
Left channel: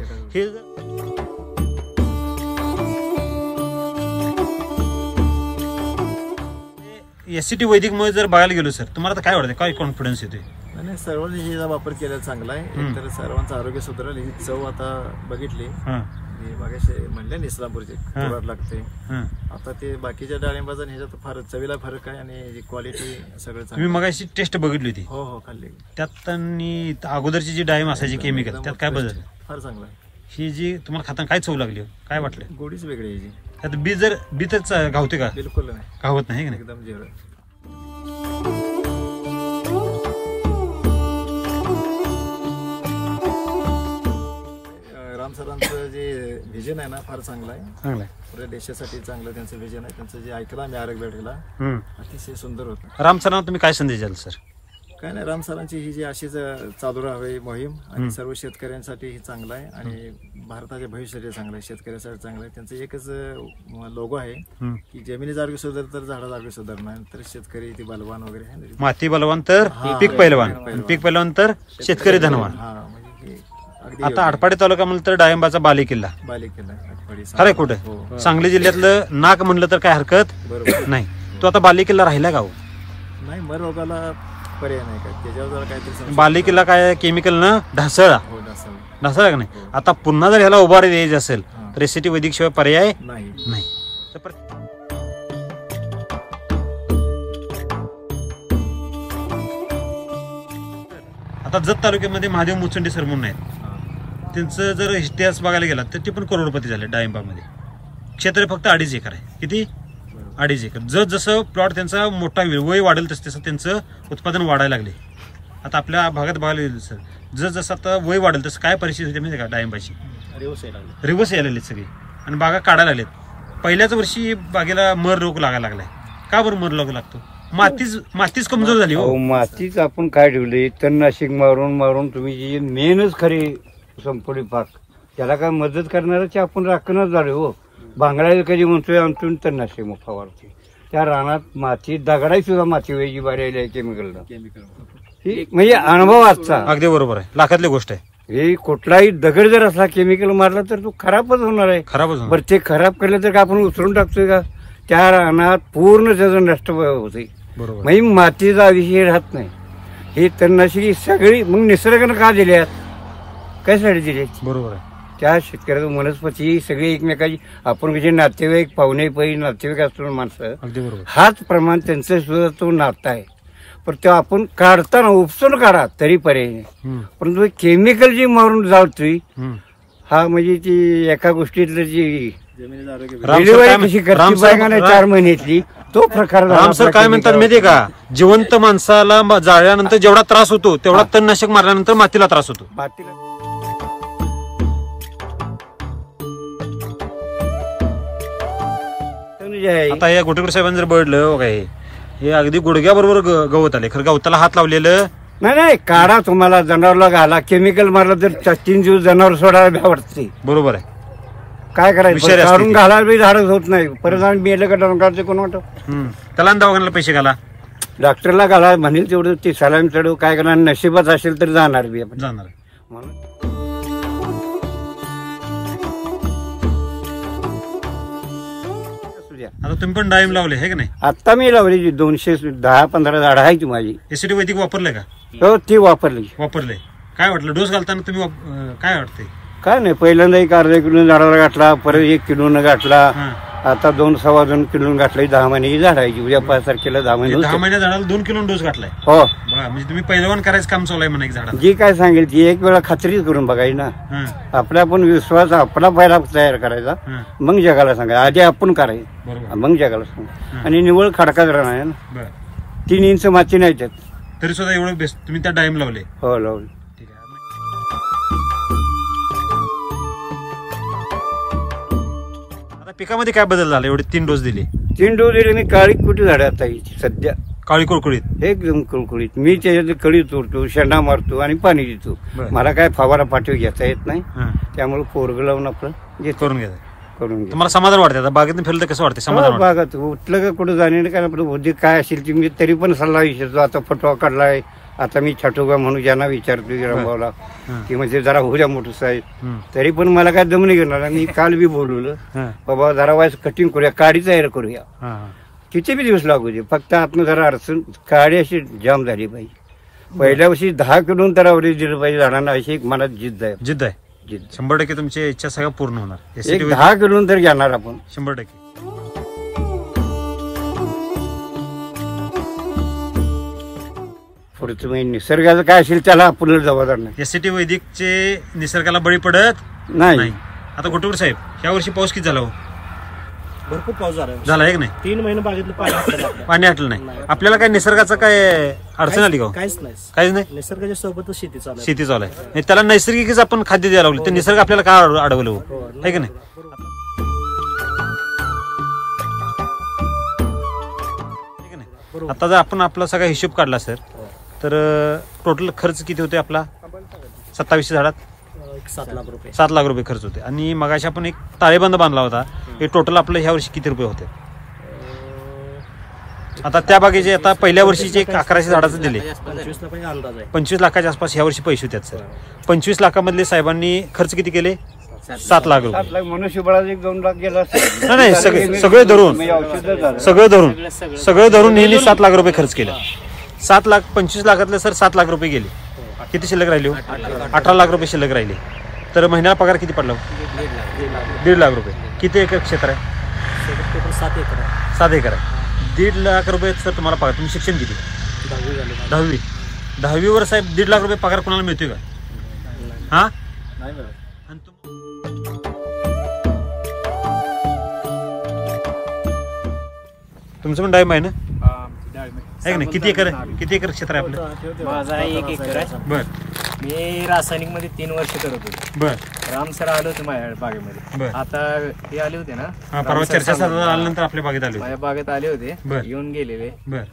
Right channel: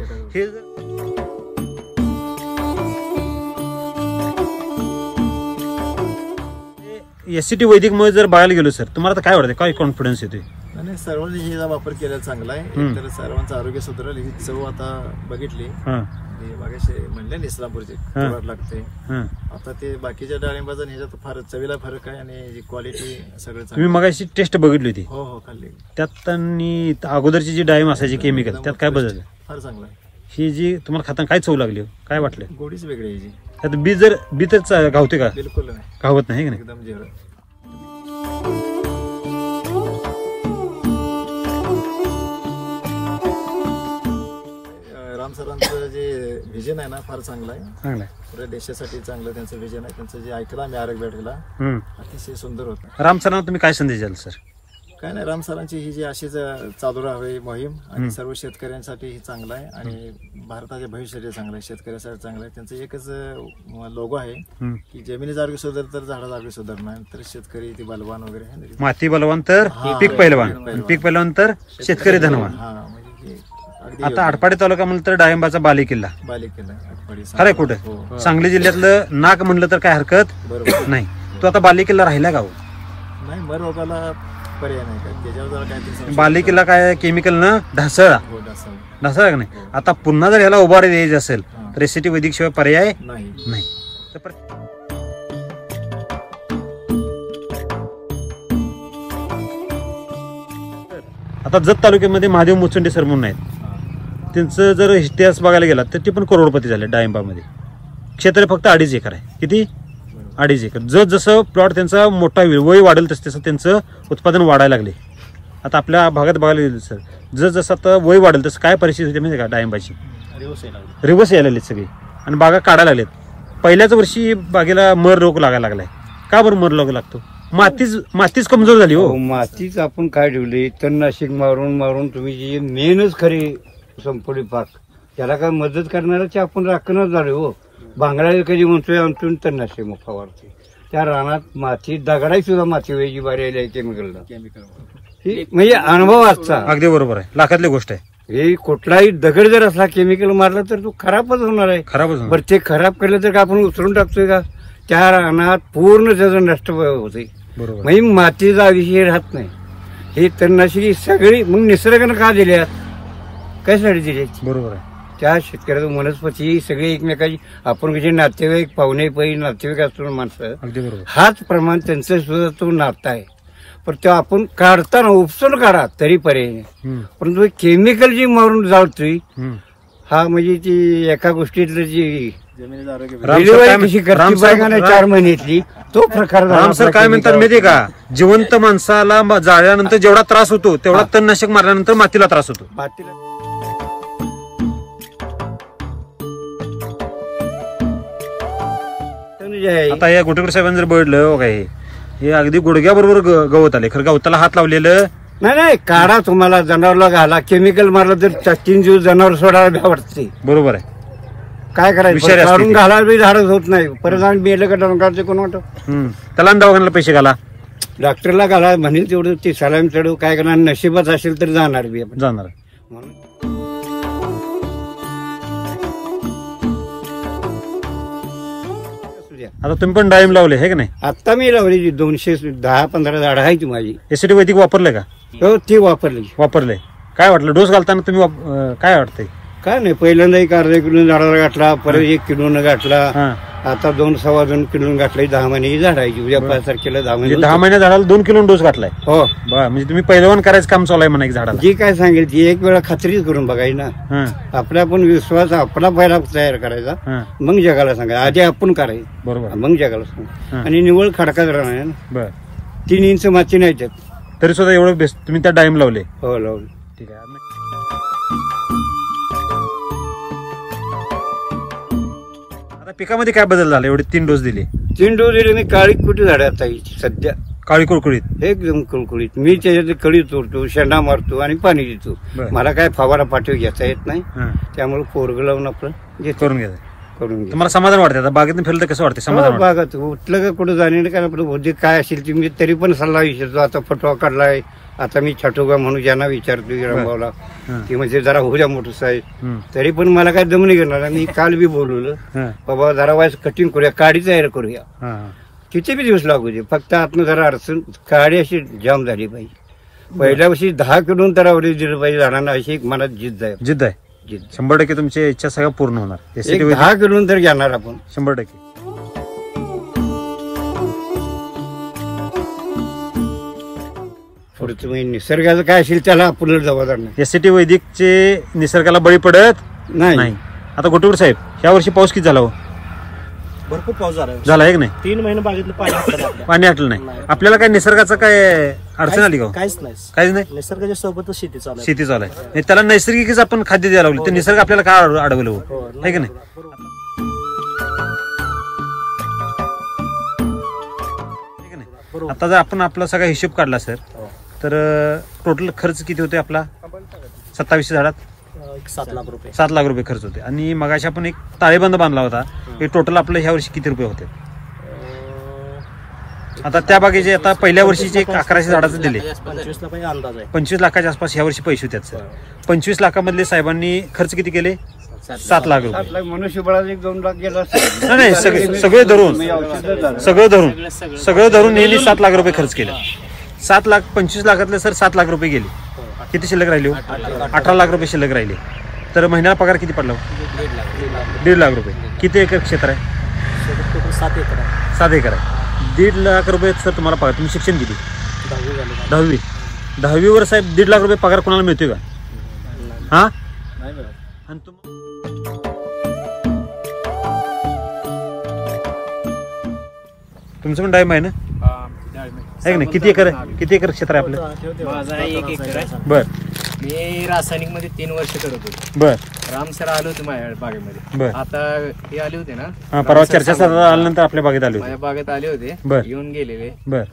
हे एससीटी वैदिक मध्ये जर बघायला गेलो सर, तुम्हाला काय वाटतं, काय कॉन्फिडन्स येतोय? नाही, सर्वांनी हिचा वापर केलेला चांगला आहे. तर सर्वांचं आरोग्य सुधारेल. ही चव आता बघितली, मागाशी म्हणले इस्लामपूरचे थोडा लागते. आता ते बाकीच्या डाळिंबाचा ह्याच्यात फार चवीला फरक आहे आणि क्वालिटी सगळं. तुम्ही मगाशी टेस्ट बघितली होती? हो खाल्ली. त्यात अगोदरची जी डाळिंब असायची केमिकल, त्यात काय बदल? फार चांगला आहे. ही जी तुम्हाला खाताना काय चव लागली, काय वाटलं? गोडीच वेगळी आहे. त्यात बी तर गावते का? बिलकुल नाही, गावत नाही. एकदम जेवढं. राम सरांचं जे व्हिजन आहे ना फार चांगलं आहे. पुऱ्या देशासाठी चांगलं त्यांचं व्हिजन आहे. त्यांचं जे ऐकलं आम्ही आरोग्य भेटला, अतिशय सुंदर होतं. राम सरांना तुम्ही काय संदेश द्याल सर? काय नाही, राम सरांची ही जी अशीच चालू राहावी मोहीम आणि सर्व शेतकऱ्यांसाठी ही चांगलं आहे आणि भारताच्या भविष्यासाठी चांगलं आहे, शेतकऱ्यासाठी चांगलं आहे. त्यांचं एकच लोगो आहे की जमिनीचं आरोग्य सुधार तर झाडाचं आरोग्य सुधारणार, तर शेतकरी ती बलवान वगैरे आहे ना. माती बलवान तर पीक पैलवान, पीक पैलवान तर शेतकरी धनवान. आता आटपाडी तालुका म्हणलं तर डाळिंबाचा बालेकिल्ला. खरंय कुठं सांगली जिल्ह्यातलं नाक म्हणलं तर काय हरकत नाही. तो आता बालेकिल्ला राहिला का? नाही, मर रोगाला पर्याय नाही काय, त्याच्यावर जरा काहीतरी. बालेकिल्ला काय केमिकल न ढासळला का नाही? आता पुन्हा जर ह्याला उभारी द्यायची असेल तर एससीटी वैदिक शिवाय पर्याय नाही. आता जत तालुक्यामध्ये महादेव मुचंडे सर म्हणून आहेत, त्यांचं जर इतिहास बघायला गेला तर ते पण करोडपती झाले. डाळिंबामध्ये क्षेत्र फक्त 2.5 एकर आहे. किती? 2.5 एकर. जसं प्लॉट त्यांचा मोठा वय वाढेल तसं त्यांचं उत्पादन वाढायला लागले. आता आपल्या भागात बघायला गेलं सर, जसं आता वय वाढेल तसं काय परिस्थिती होती माहिती का? डाळिंबाची रिवर्स यायला लागली सगळी आणि बागा काढायला लागलेत. पहिल्याच वर्षी बागेला मर रोग लागायला लागलाय. का बरं मर रोग लागतो? मातीच कमजोर झाली. हो, मातीच आपण काय ठेवली, तणनाशक मारून तुम्ही जी मेनच खरी संपली पाक, त्याला काय मदत करणाऱ्याची आपण राखणच झालो. हो, बांगड्या कधी म्हणतोय आमतून तणनाशक मग फवारते. त्या रानात माती दगडाई सुद्धा माती वेगळी बारी आहे केमिकलला. म्हणजे अनुभव आजचा. अगदी बरोबर आहे, लाखातली गोष्ट आहे. हे कुठलाही दगड जर असा केमिकल मारला तर तो खराबच होणार आहे. बरं, ते खराब केलं तर आपण उचलून टाकतोय का? त्या रानात पूर्ण त्याचं नष्ट होते. म्हणजे मातीचा विषय राहत नाही. ही तणनाशकी सगळी मग निसर्गानं का दिल्यात, कशासाठी दिले? बरोबर आहे. त्या शेतकऱ्याचं वनस्पती सगळे एकमेकाची, आपण कसे नातेवाईक पाहुणे पै नातेवाईक असतो माणसं, अगदी बरोबर, हाच प्रमाण त्यांचं सुद्धा तो नाता आहे. पण ते आपण काढताना उपसून काढा तरी पर्याय नाही. परंतु केमिकल जी मारून जातोय हा म्हणजे ती एका गोष्टीतलं जी डिलिव्हरी 4 महिन्यातली तो प्रकार. राम सर काय म्हणतात माहितीये का? जिवंत माणसाला जाळल्यानंतर जेवढा त्रास होतो तेवढा तणनाशक मारल्यानंतर मातीला त्रास होतो. आता या गोटेकर साहेबांनी जर बघितलं काय, हे अगदी गुडघ्याबरोबर गवत आले. खरं गवताला हात लावलेलं नाही. काढा, तुम्हाला जनावरला घाला, केमिकल मारलं तर 3 दिवस जनावर सोडायला वाटते. बरोबर आहे. काय करायचं? काढून घाला बी झाडच होत नाही. परत आम्ही मेलं का डोंगराचे कोण वाटत त्याला दवाखान्याला पैसे घाला, डॉक्टरला घाला म्हणेल तेवढं ते सलाईन चढू. काय करणार? नशिबात असेल तर जाणार बी जाणार. आता तुम्ही पण डाळिंब लावले हे का नाही? आता मी लावली 210-15 झाडं आहे ती माझी. एससीटी वैदिक वापरलंय का? हो, ती वापरलंय. काय वाटलं डोस घालताना? तुम्ही काय वाटतंय? काय नाही, पहिल्यांदा 1/2 किलो झाडाला गाठला, परत 1 किलो गाठला, आता 2-2.25 किलो गाठलाय. 10 महिन्याची झाड आहे. उद्या 5 तारखेला 10 महिन्या झाडाला 2 किलो डोस गाठलाय. हो, म्हणजे तुम्ही पहिलवान करायचं काम चालू आहे म्हणा. एक झाडाला जी काय सांगेल ती एक वेळा खात्रीच करून बघायची ना. आपला पण विश्वास आपला पहिला तयार करायचा, मग जगाला सांगायचं. आधी आपण करायचं, बरोबर, मग जगाला सांगायचं. आणि निवळ खडकाच राहणार ना. 3 इंच माती नाही त्यात, तरी सुद्धा एवढं बेस्ट तुम्ही त्या डाळिंब लावले. हो, लावले. ठीक आहे. आता पिकामध्ये काय बदल झाला? एवढे 3 डोस दिले. 3 डोस दिले. मी काळी कुठे झाड आता सध्या काळी कुळकुळीत, एकदम कुळकुळीत. मी त्याच्यात कळी तोडतो, शेंडा मारतो आणि पाणी देतो. मला काय फवारा पाठवी घेता येत नाही, त्यामुळे पोरग लावून आपलं करून घ्यायचं. तुम्हाला समाधान वाटतं? आता बागेतून फिरलं कसं वाटतं? समाधान बागात उठलं का कुठं जाणे काय आपलं बुद्धी काय असेल ती मी तरी पण सल्ला विचारतो. आता फटवा काढलाय, आता मी छटोगा म्हणून ज्यांना विचारतो रामभाऊला, ती म्हणजे जरा होऊ द्या मोठं साहेब, तरी पण मला काय दम नाही घेणार. आणि काल बी बोलवलं, बाबा जरा वाईस कटिंग करूया, काडी तयार करूया. किती बी दिवस लागू दे, फक्त आपण जरा अडचण काळी अशी जाम झाली पाहिजे. पहिल्या वर्षी 10 किलो तर आवडेल दिलं पाहिजे झाडांना, अशी एक मनात जिद्द आहे. 100% तुमची इच्छा सगळ्या पूर्ण होणार. 10 किलो तर घेणार आपण 100%. पुढचं म्हणजे निसर्गाचं काय असेल त्याला आपल्याला जबाबदार नाही. एसटी वैदिकचे निसर्गाला बळी पडत नाही. आता गोटूर साहेब, ह्या वर्षी पाऊस किती झाला हो? भरपूर पाऊस झाला आहे की नाही? 3 महिने बागेतलं पाणी आटलं नाही. आपल्याला काय निसर्गाचं काय अडचण आली का? काहीच नाही. निसर्गाच्या सोबतच शेती चालू आहे. त्याला नैसर्गिकच आपण खाद्य द्यायला लागलो, ते निसर्ग आपल्याला काय अडवलं आहे की नाही? आता जर आपण आपला सगळा हिशोब काढला सर, तर टोटल खर्च किती होते आपला 27 झाडात? 7 लाख रुपये. 7 लाख रुपये खर्च होते. आणि मगाशी आपण एक ताळेबंद बांधला होता, हे टोटल आपलं ह्या वर्षी किती रुपये होते? आता त्या बागेचे आता पहिल्या वर्षीचे 1100 झाडाचं दिले, 25 लाखाच्या आसपास ह्या वर्षी पैसे होते सर. 25 लाखामधले साहेबांनी खर्च किती केले? 7 लाख रुपये. मनुष्यबळाचा 1-2 लाख गेला. नाही, सगळं धरून नेहमी 7 लाख रुपये खर्च केले. 25 लाखातले सर 7 लाख रुपये गेले. किती शिल्लक राहिले? 18 लाख रुपये शिल्लक राहिले. तर महिन्याला पगार किती पडला? 1.5 लाख रुपये. किती एकर क्षेत्र आहे? 7 एकर आहे. 7 एकर आहे. 1.5 लाख रुपये सर तुम्हाला पगार. तुम्ही शिक्षण किती? 10वी. 10वीवर साहेब 1.5 लाख रुपये पगार कोणाला मिळतोय का? हा, आणि तुमचं पण डाळिंब आहे ना? आहे की नाही? किती एकर क्षेत्र आहे आपलं? माझा 1 एकर आहे. बर. मी रासायनिक मध्ये 3 वर्ष करत होतो. बर. राम सर आले होते माझ्या बागेमध्ये. बर. आता हे आले होते ना, परवा चर्चा आल्यानंतर आपल्या बागेत आले माझ्या बागेत आले होते. येऊन गेलेले. बर.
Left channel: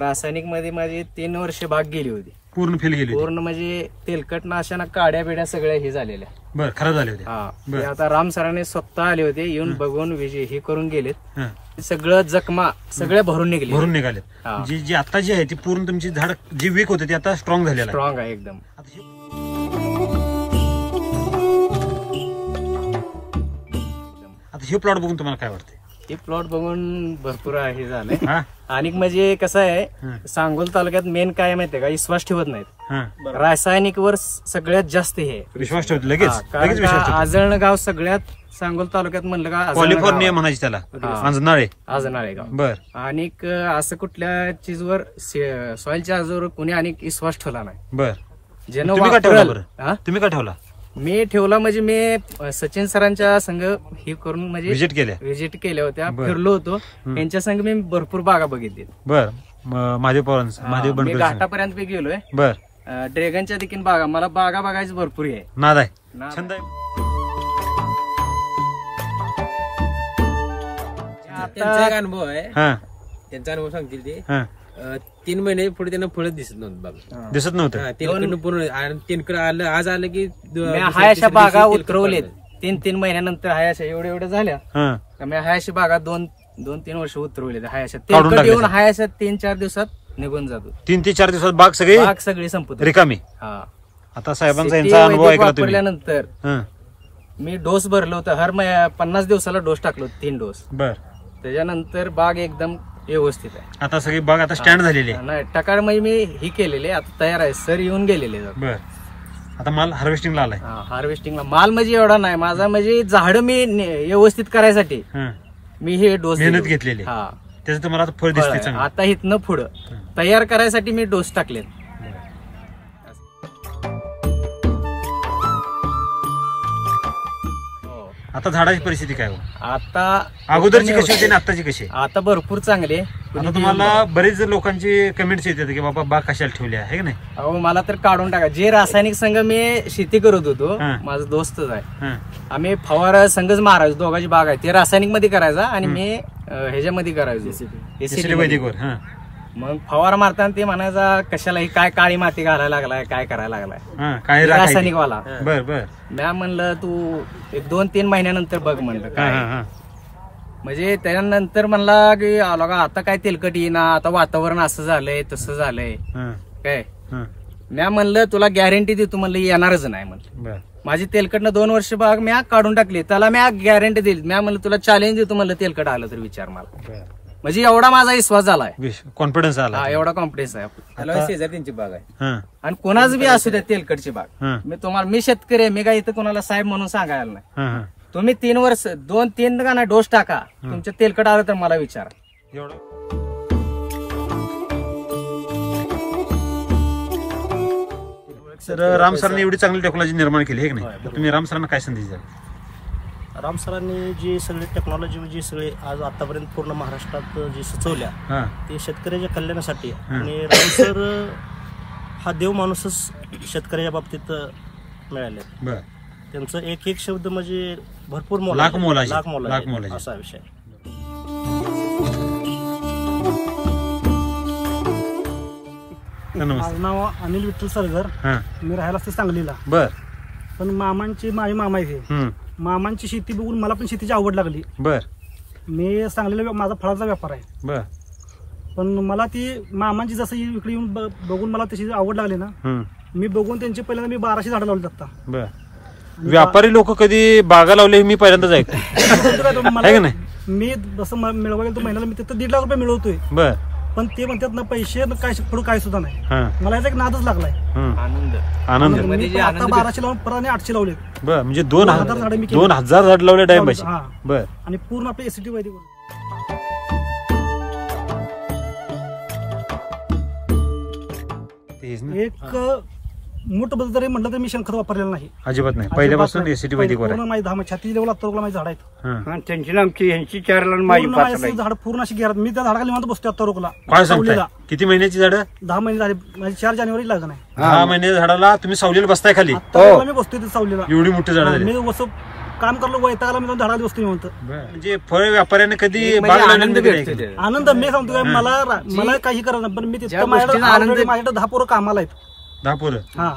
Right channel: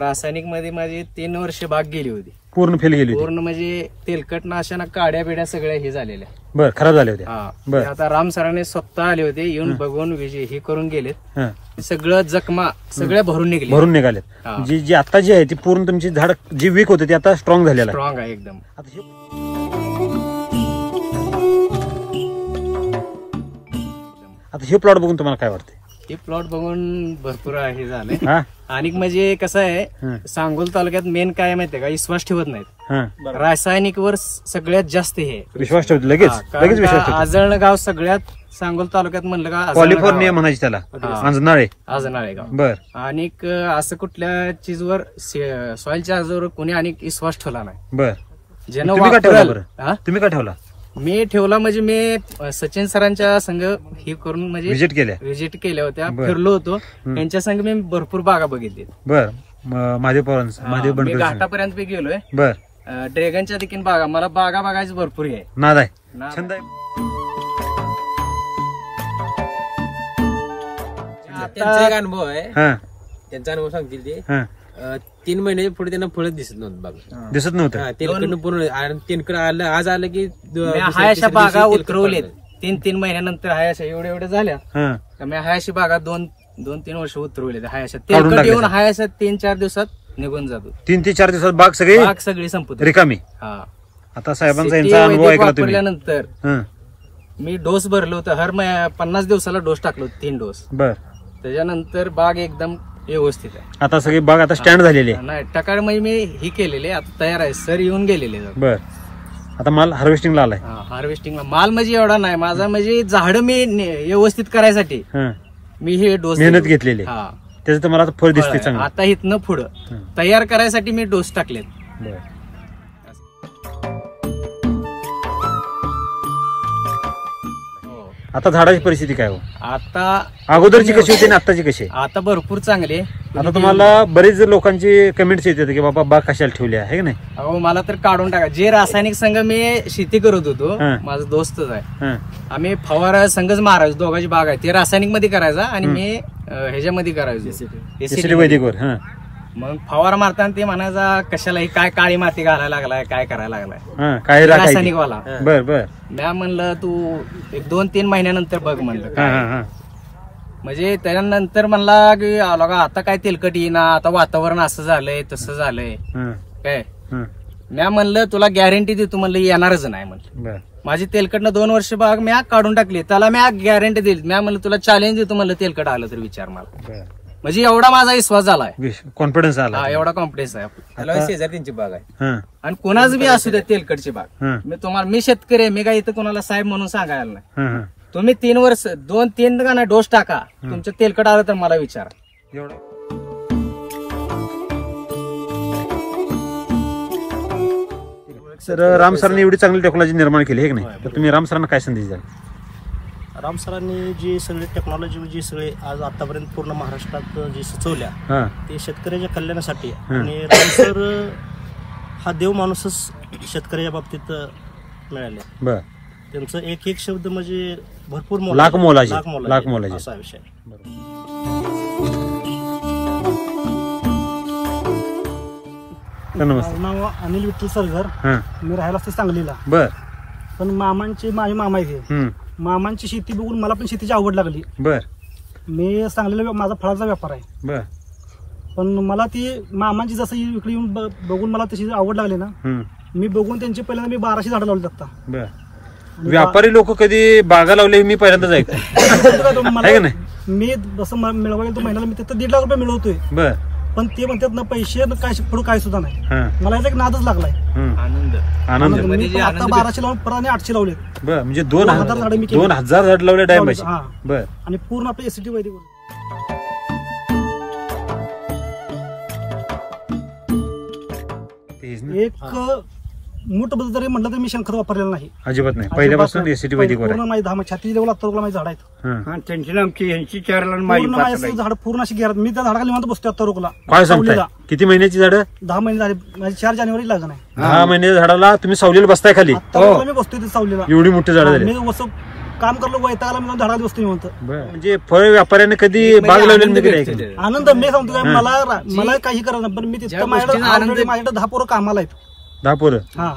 रासायनिक मध्ये माझी 3 वर्ष बाग गेली होती. पूर्ण फेल गेली? पूर्ण म्हणजे तेलकटनाशा काड्या बिड्या सगळ्या हे झालेल्या. बर. खराब झाले होते. हा. आता राम सरांनी स्वतः आले होते, येऊन बघून हे करून गेलेत. सगळं जखमा सगळ्या भरून निघाले. जी आता जी आहे ती पूर्ण तुमची झाड जी वीक होते ती आता स्ट्रॉंग झालेला आहे. स्ट्रॉंग आहे एकदम. आता हे प्लॉट बघून तुम्हाला काय वाटतं? हे प्लॉट बघून भरपूर हे झालंय. आणि म्हणजे कसं आहे, सांगोल तालुक्यात मेन काय माहितीये का, विश्वास ठेवत नाहीत. रासायनिक वर सगळ्यात जास्त हे विश्वास ठेवतो लगेच. आजळण गाव सगळ्यात सांगोल तालुक्यात म्हणलं का कॅलिफोर्निया म्हणायची त्याला, आजनाळे गाव. बर. आणि असं कुठल्या चीजवर सॉइल चार्जवर कोणी आणि विश्वास ठेवला नाही. बर. ज्यानं तुम्ही का ठेवला? मी ठेवला म्हणजे मी सचिन सरांच्या संघ हे करून म्हणजे व्हिजिट केल्या होत्या, फिरलो होतो त्यांच्या संघ. मी भरपूर बागा बघितली. बर. महादेव घाटापर्यंत मी गेलोय. बर. ड्रॅगनच्या देखील बागा, मला बागा बघायचं भरपूर आहे. नाद आहे, छंद आहे. आता अनुभव आहे, त्यांचा अनुभव सांगतील ते. 3 महिने पुढे त्यांना फळच दिसत नव्हतं. तेलकडनं पूर्ण तेलकड आलं, आज आलं की हायशा बागा उतरवलेत. 3 महिन्यानंतर हायशा एवढ्या झाल्या. मी हायशी बागा 2-3 वर्ष उतरवले. हायशा तेलकट येऊन हायशा 3-4 दिवसात निघून जातो. 3 ते 4 दिवसात बाग सगळी संपत रिकामी. आता साहेबांचा यांचा अनुभव ऐकला वापरल्यानंतर मी डोस भरलो होतं. हर 50 दिवसाला डोस टाकलो, 3 डोस. बर. त्याच्यानंतर बाग एकदम व्यवस्थित आहे. आता सगळी बाग आता स्टँड झालेली आहे. नाही, टकाळ म्हणजे मी ही केलेली आता तयार आहे. सर येऊन गेलेले. बर. आता माल हार्वेस्टिंगला आलाय. हार्वेस्टिंगला माल म्हणजे एवढा नाही माझा, म्हणजे झाड मी व्यवस्थित करायसाठी मी हे डोस मेहनत घेतलेली. त्याचं तुम्हाला फळ दिसते चांगलं. आता इथनं पुढं तयार करायसाठी मी डोस टाकलेत. आता झाडाची परिस्थिती काय हो? आता अगोदरची कशी होती आणि आताची कशी? आता भरपूर चांगली. आता तुम्हाला बरेच लोकांची कमेंट्स येतात की बाबा बाग कशाला ठेवली आहे की नाही? अहो मला तर काढून टाका. जे रासायनिक संघ मी शेती करत होतो, माझा दोस्तच आहे, आम्ही फवारा संघच मारायचो. दोघांची बाग आहे, ते रासायनिक मध्ये करायचा आणि मी ह्याच्यामध्ये करायचो वैदिकवर. मग फवारा मारताना ते म्हणायचा कशाला ही काय काळी माती घालायला लागलाय, काय करायला लागलाय काय रासायनिक वाला. बर बर. म्या म्हणलं तू 1-2-3 महिन्यानंतर बघ म्हणलं काय. म्हणजे त्यानंतर म्हणला की आलो का आता काय तेलकट येईना, आता वातावरण असं झालंय तसं झालंय काय. म्या म्हणलं तुला गॅरंटी देतो म्हणलं येणारच नाही म्हणलं. माझी तेलकटनं 2 वर्ष बाग म्या काढून टाकली. त्याला म्या गॅरंटी दिली. म्या म्हणलं तुला चॅलेंज देतो म्हणलं तेलकट आलं तर विचार मला. म्हणजे एवढा माझा विश्वास झालाय, कॉन्फिडन्स आला, एवढा कॉन्फिडन्स आहे आपला. शेजारी बाग आहे आणि कोणाच बी असू द्या तेलकटची बाग, मी शेतकरी आहे, मी काय इथं कोणाला साहेब म्हणून सांगायला नाही. तुम्ही 3 वर्ष 2-3 का नाही डोस टाका, तुमच्या तेलकट आलं तर मला विचारा. सर, राम सरांनी एवढी चांगली टेक्नॉलॉजी निर्माण केली आहे की नाही, तर तुम्ही राम सरांना काय संदेश द्याल? राम सरांनी जी सगळी टेक्नॉलॉजी जी सगळी आज आतापर्यंत पूर्ण महाराष्ट्रात जी सुचवल्या ते शेतकऱ्याच्या कल्याणासाठी, आणि राम सर हा देव माणूसच शेतकऱ्याच्या बाबतीत मिळाले. त्यांचं एक शब्द म्हणजे भरपूर लाख मोलाचे असा विषय. माझं नाव अनिल विठ्ठल सरगर, मी राहायला असते सांगलीला. पण मामांची माझे मामा आहे, मामांची शेती बघून मला पण शेतीची आवड लागली. मी सांगलीला माझा फळाचा व्यापार आहे, पण मला ती मामांची जसं इकडे येऊन बघून मला त्याची आवड लागली ना, मी बघून त्यांची पहिल्यांदा मी 1200 झाडं लावली आता. व्यापारी लोक कधी बागा लावले मी पहिल्यांदाच ऐकतो. मला मी जसं मिळवायला तो महिन्याला मी तिथं 1.5 लाख रुपये मिळवतोय, पण ते म्हणतात ना पैसे काय पुढे काय सुद्धा नाही. मला याचा एक नादच लागलाय. आनंद. मी आता 1200 लावून परत 800 लावले. म्हणजे 2000 झाडं मी 2000 झाड लावले डायमंड. आणि पूर्ण आपले एसीटी वैदिक एक मूठ बद्दल जरी म्हटलं तर मी शेणखत वापरलेलं नाही, अजिबात नाही. पहिल्यापासून एसीटी वैदिक पूर्ण माझी 10 छाती लेवल 70 माझी झाड आहेत. त्यांची आमची यांची 4 पूर्ण माझी झाड पूर्ण अशी घेरात. मी त्या झाडाखाली निवांत बसतो आता रोकला. काय सांगताय? किती महिन्याची झाडं? 10 महिने झाले. माझी 4 जानेवारी लागण आहे. 10 महिन्याच्या झाडाला तुम्ही सावलीला बसताय खाली? आता मी बसतोय ते सावलीला. एवढी मोठी झाडं झाली. मी असं काम करलो वैतागला मी झाडाला बसतो निवांत. म्हणजे फळ व्यापाऱ्याने कधी बाग लावलेली आनंद. मी सांगतो काय, मला काही करत नाही, पण मी तिथं माझ्याकडे 10 पोरं कामाला आहेत. 10 पोरं? हा,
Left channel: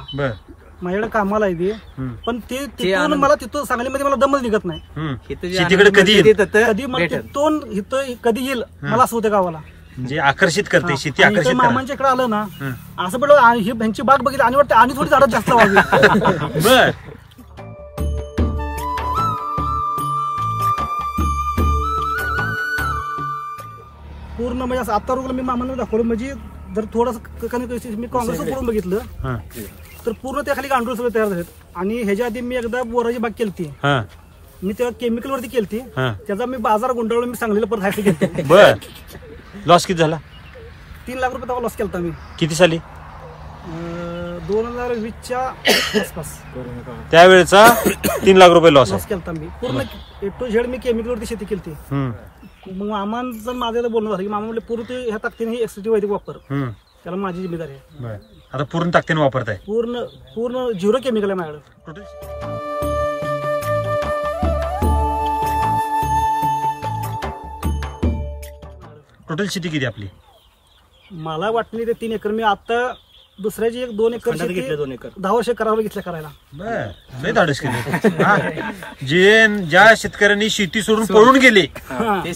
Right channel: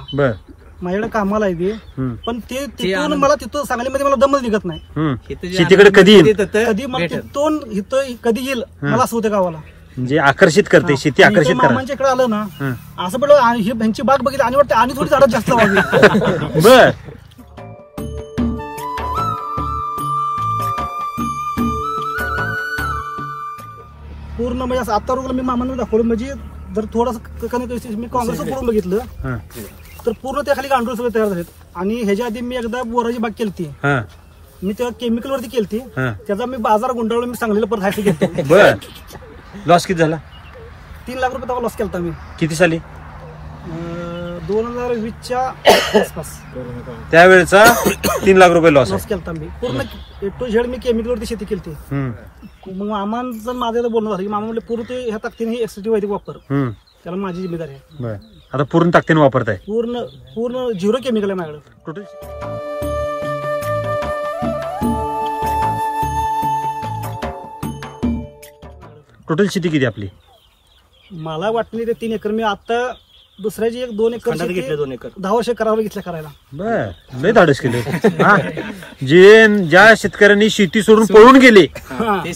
माझ्याकडे कामाला आहे. पण ते तिथून मला तिथून सांगलीमध्ये मला दमच निघत नाही. शेतीकडे कधी येईल, कधी मला तिथून इथं कधी येईल मला असं होतं गावाला. म्हणजे आकर्षित करते शेती, आकर्षित. मामांच्या इकडे आलं ना असं पडलं, ह्यांची बाग बघितली आणि वाटतं आणि थोडी झाडं जास्त व्हावी. बर. पूर्ण म्हणजे असं आता रोगला मी मामांना दाखवलं. म्हणजे जर थोडंसं मी काँग्रेस करून बघितलं तर पूर्ण त्या खाली गांडूळ सगळे तयार झालेत. आणि ह्याच्या आधी मी एकदा बोराची बाग केली, मी तेव्हा केमिकल वरती केली. त्याचा मी बाजार गुंडाळून मी सांगलीला परत हायचं गेलो. बर. लॉस किती झाला? 3 लाख रुपये तेव्हा लॉस केला मी. किती साली? 2020च्या आसपास. त्यावेळेचा 3 लाख रुपये लॉस केला मी. पूर्ण A to Z me chemical वरती शेती केली. मग मामांचं माझ्याला बोलणं झालं की मामा म्हणले पूर्ण ते ह्या ताकदीने ही एसीटी वैदिक वापर, त्याला माझी जिम्मेदारी आहे. आता पूर्ण ताकदीने वापरताय? पूर्ण 0 केमिकल आहे माझ्याकडे. टोटल शेती किती आपली? मला वाटली ते 3 एकर. मी आता दुसऱ्याची 1-2 एकर शेती 2 एकर 10 वर्ष करावं घेतलं करायला. बर. लय धाडस केलं. ज्या शेतकऱ्यांनी शेती सोडून पळून गेले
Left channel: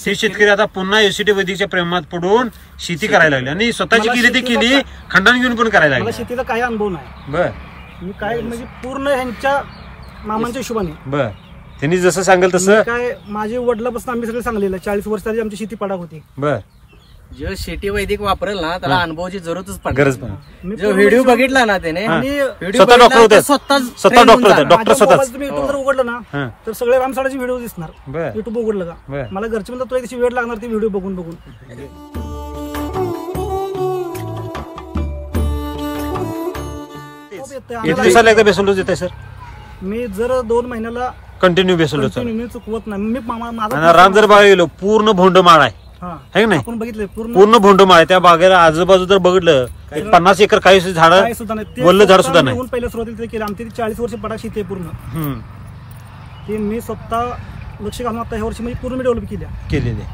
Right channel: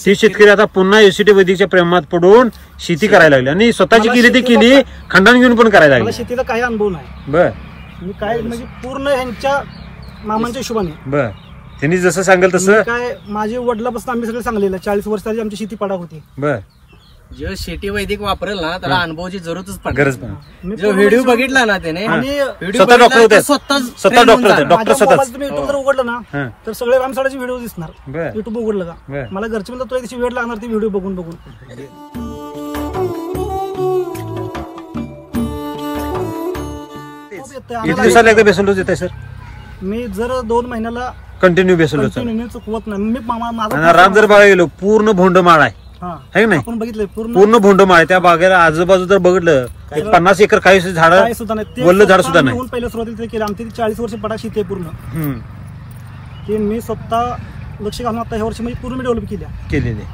ते शेतकरी आता पुन्हा एसीटी वैदिकच्या प्रेमात पडून शेती करायला लागले, आणि स्वतःची केली ती केली, खंडान घेऊन पण करायला लागली. शेतीचा काही अनुभव नाही. बर. मी काय म्हणजे पूर्ण ह्यांच्या मामांच्या हिशोबाने. बर. त्यांनी जसं सांगेल तसं. काय माझे वडिलापासून आम्ही सगळे सांगलेलं 40 वर्षाची आमची शेती पाडाक होती. बर. जे शेती वैदिक वापरेल ना त्याला अनुभवाची जरूरच गरज. व्हिडिओ बघितला ना त्याने, आणि स्वतः डॉक्टर तुम्ही युट्यूब जर उघडलं ना तर सगळे रामसाडाचे व्हिडिओ दिसणार. युट्यूब उघडलं का मला घरचे म्हणतात तुला त्याची वेळ लागणार ती व्हिडिओ बघून बघून. बेसल डोस देताय सर? मी जर 2 महिन्याला कंटिन्यू बेसल डोस चुकवत नाही. मी माझा राम जर बाग गेलो पूर्ण भोंड माळ आहे नाही, आपण बघितलं पूर्ण भोंड माळ आहे. त्या बागेला आजूबाजू जर बघितलं 50 एकर काही झाड सुद्धा नाही, वल्ल झाड सुद्धा नाही. पहिल्या सुरुवातीला केलं आमची 40 वर्ष पडा शेती आहे पूर्ण. ते मी स्वतः लक्ष घालून आता ह्या वर्षी म्हणजे पूर्ण मी डेव्हलप केलेले.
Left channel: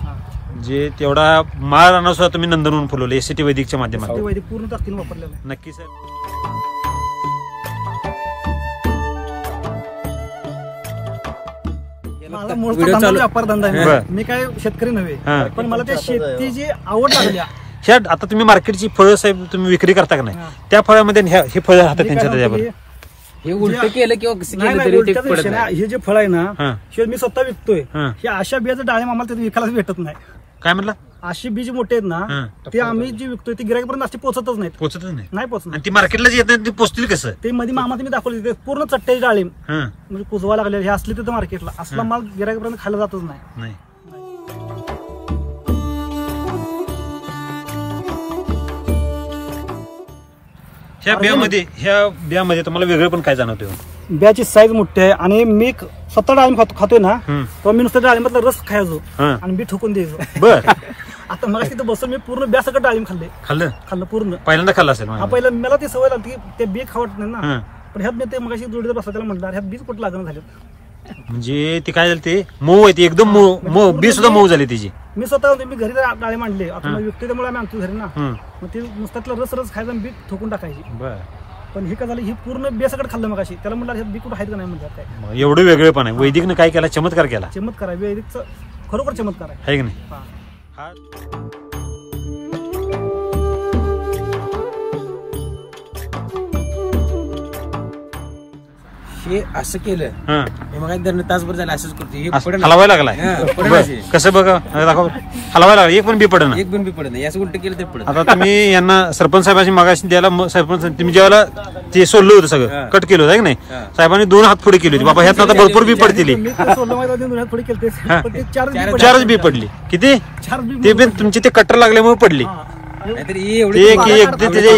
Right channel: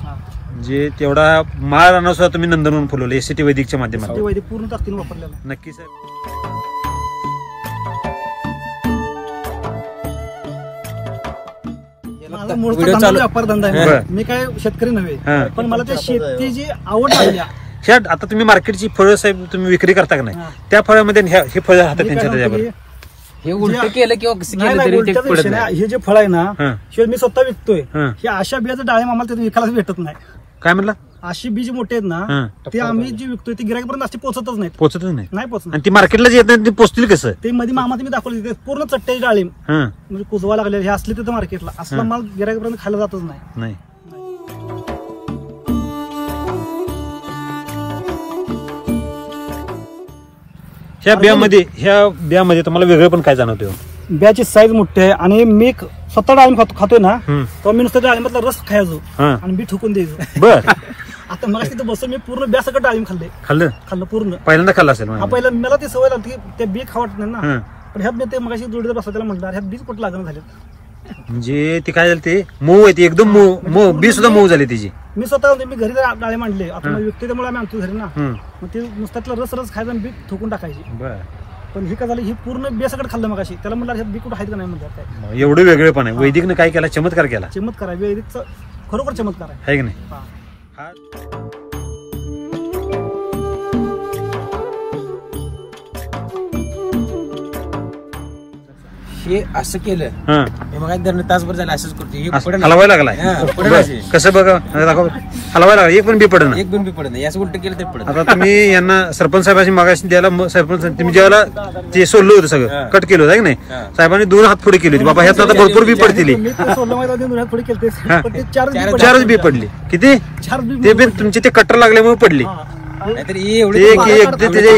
जे तेवढा माळ राहणार सुद्धा तुम्ही नंदनवन फुलवले एसीटी वैदिकच्या माध्यमातून. वैदिक पूर्ण ताकदीने वापरलेलं आहे. नक्की सर. व्यापार धंदा आहे, मी काय शेतकरी नव्हे, पण मला त्या शेतीची आवड लागली. आता तुम्ही मार्केटची फळं साहेब तुम्ही विक्री करता का नाही, त्या फळामध्ये हे फळं हातात त्यांच्या हे उलट केलं किंवा नाही उलट्याचा विषय नाही. हे जे फळ आहे ना हे मी स्वतः विकतोय. हे अशा बियाचं डाळिंब आम्हाला तिथे विकायला भेटत नाही. काय म्हणला? अशी बीज मोठे आहेत ना ते आम्ही जे विकतोय ते गिराईकपर्यंत अशी पोहोचतच नाही. पोहोचत. ती मार्केटला येत नाही, ती पोचतील कसं? ते मध्ये मामा तुम्ही दाखवले पूर्ण चट्ट्याची डाळिंब म्हणजे कुजवा लागले हे असले तिथं मार्केटला असला माल गिराईकपर्यंत खायला जातच नाही. ह्या बियामध्ये तुम्हाला वेगळं पण काय जाणवतं? बियाची साईज मोठी आहे आणि मी स्वतः डाळिंब खातोय ना तर मी नुसतं डाळिंबातला रस खायचो आणि बी ठोकून द्यायचो. बर. आता मला तिथं बसून मी पूर्ण ब्या सगळं डाळिंब खाल्लं पूर्ण. पहिल्यांदा खाल्लं असेल? पहिला मला ती सवय लागली की ते बी खावत नाही ना. पण ह्यात मी ते मगाशी जोडीदार बसला त्याला म्हटलं ह्यात बीज कुठं लागणं झाले. म्हणजे ती काय झाली ते मऊ आहे, ती एकदम मऊ बी सुद्धा मऊ झाली तिची. मी स्वतः मी घरी डाळिंब आणले आता विकते त्यामुळे आम्ही आणतो घरी ना. मग ते नुसतं रस खायचं आणि बी ठोकून टाकायची. पण हे काय झालं ही पूर्ण बेसकट खाल्लं मग अशी त्याला म्हटलं बी कुठं आहेत का नाही म्हणजे काय. एवढं वेगळं पण आहे. वैदिकनं काय केला? चमत्कार केला. चमत्कार आहे वैदिकचा खरोखर चमत्कार आहे की नाही? हे असं केलं हे मग तासभर झालं असंच करतो. हलवायला लागलाय कसं बघा दाखव. हलवायला लागला एक पण बी पडत एक पण बी पडत नाही. असं उलट केलं तर पडत. आता तुम्ही यांना सरपंच साहेबांची मागाशी द्यायला सरपंच तुम्ही जेव्हा ते सोडलं होतं सगळं कट केलं होतं की नाही साहेबांनी 2 हात पुढे केले होते. बाबा ह्यात आता भरपूर बी पडतील. 4च बी पडली. किती? ते बी तुमचे ते कट्टर लागल्यामुळे पडली.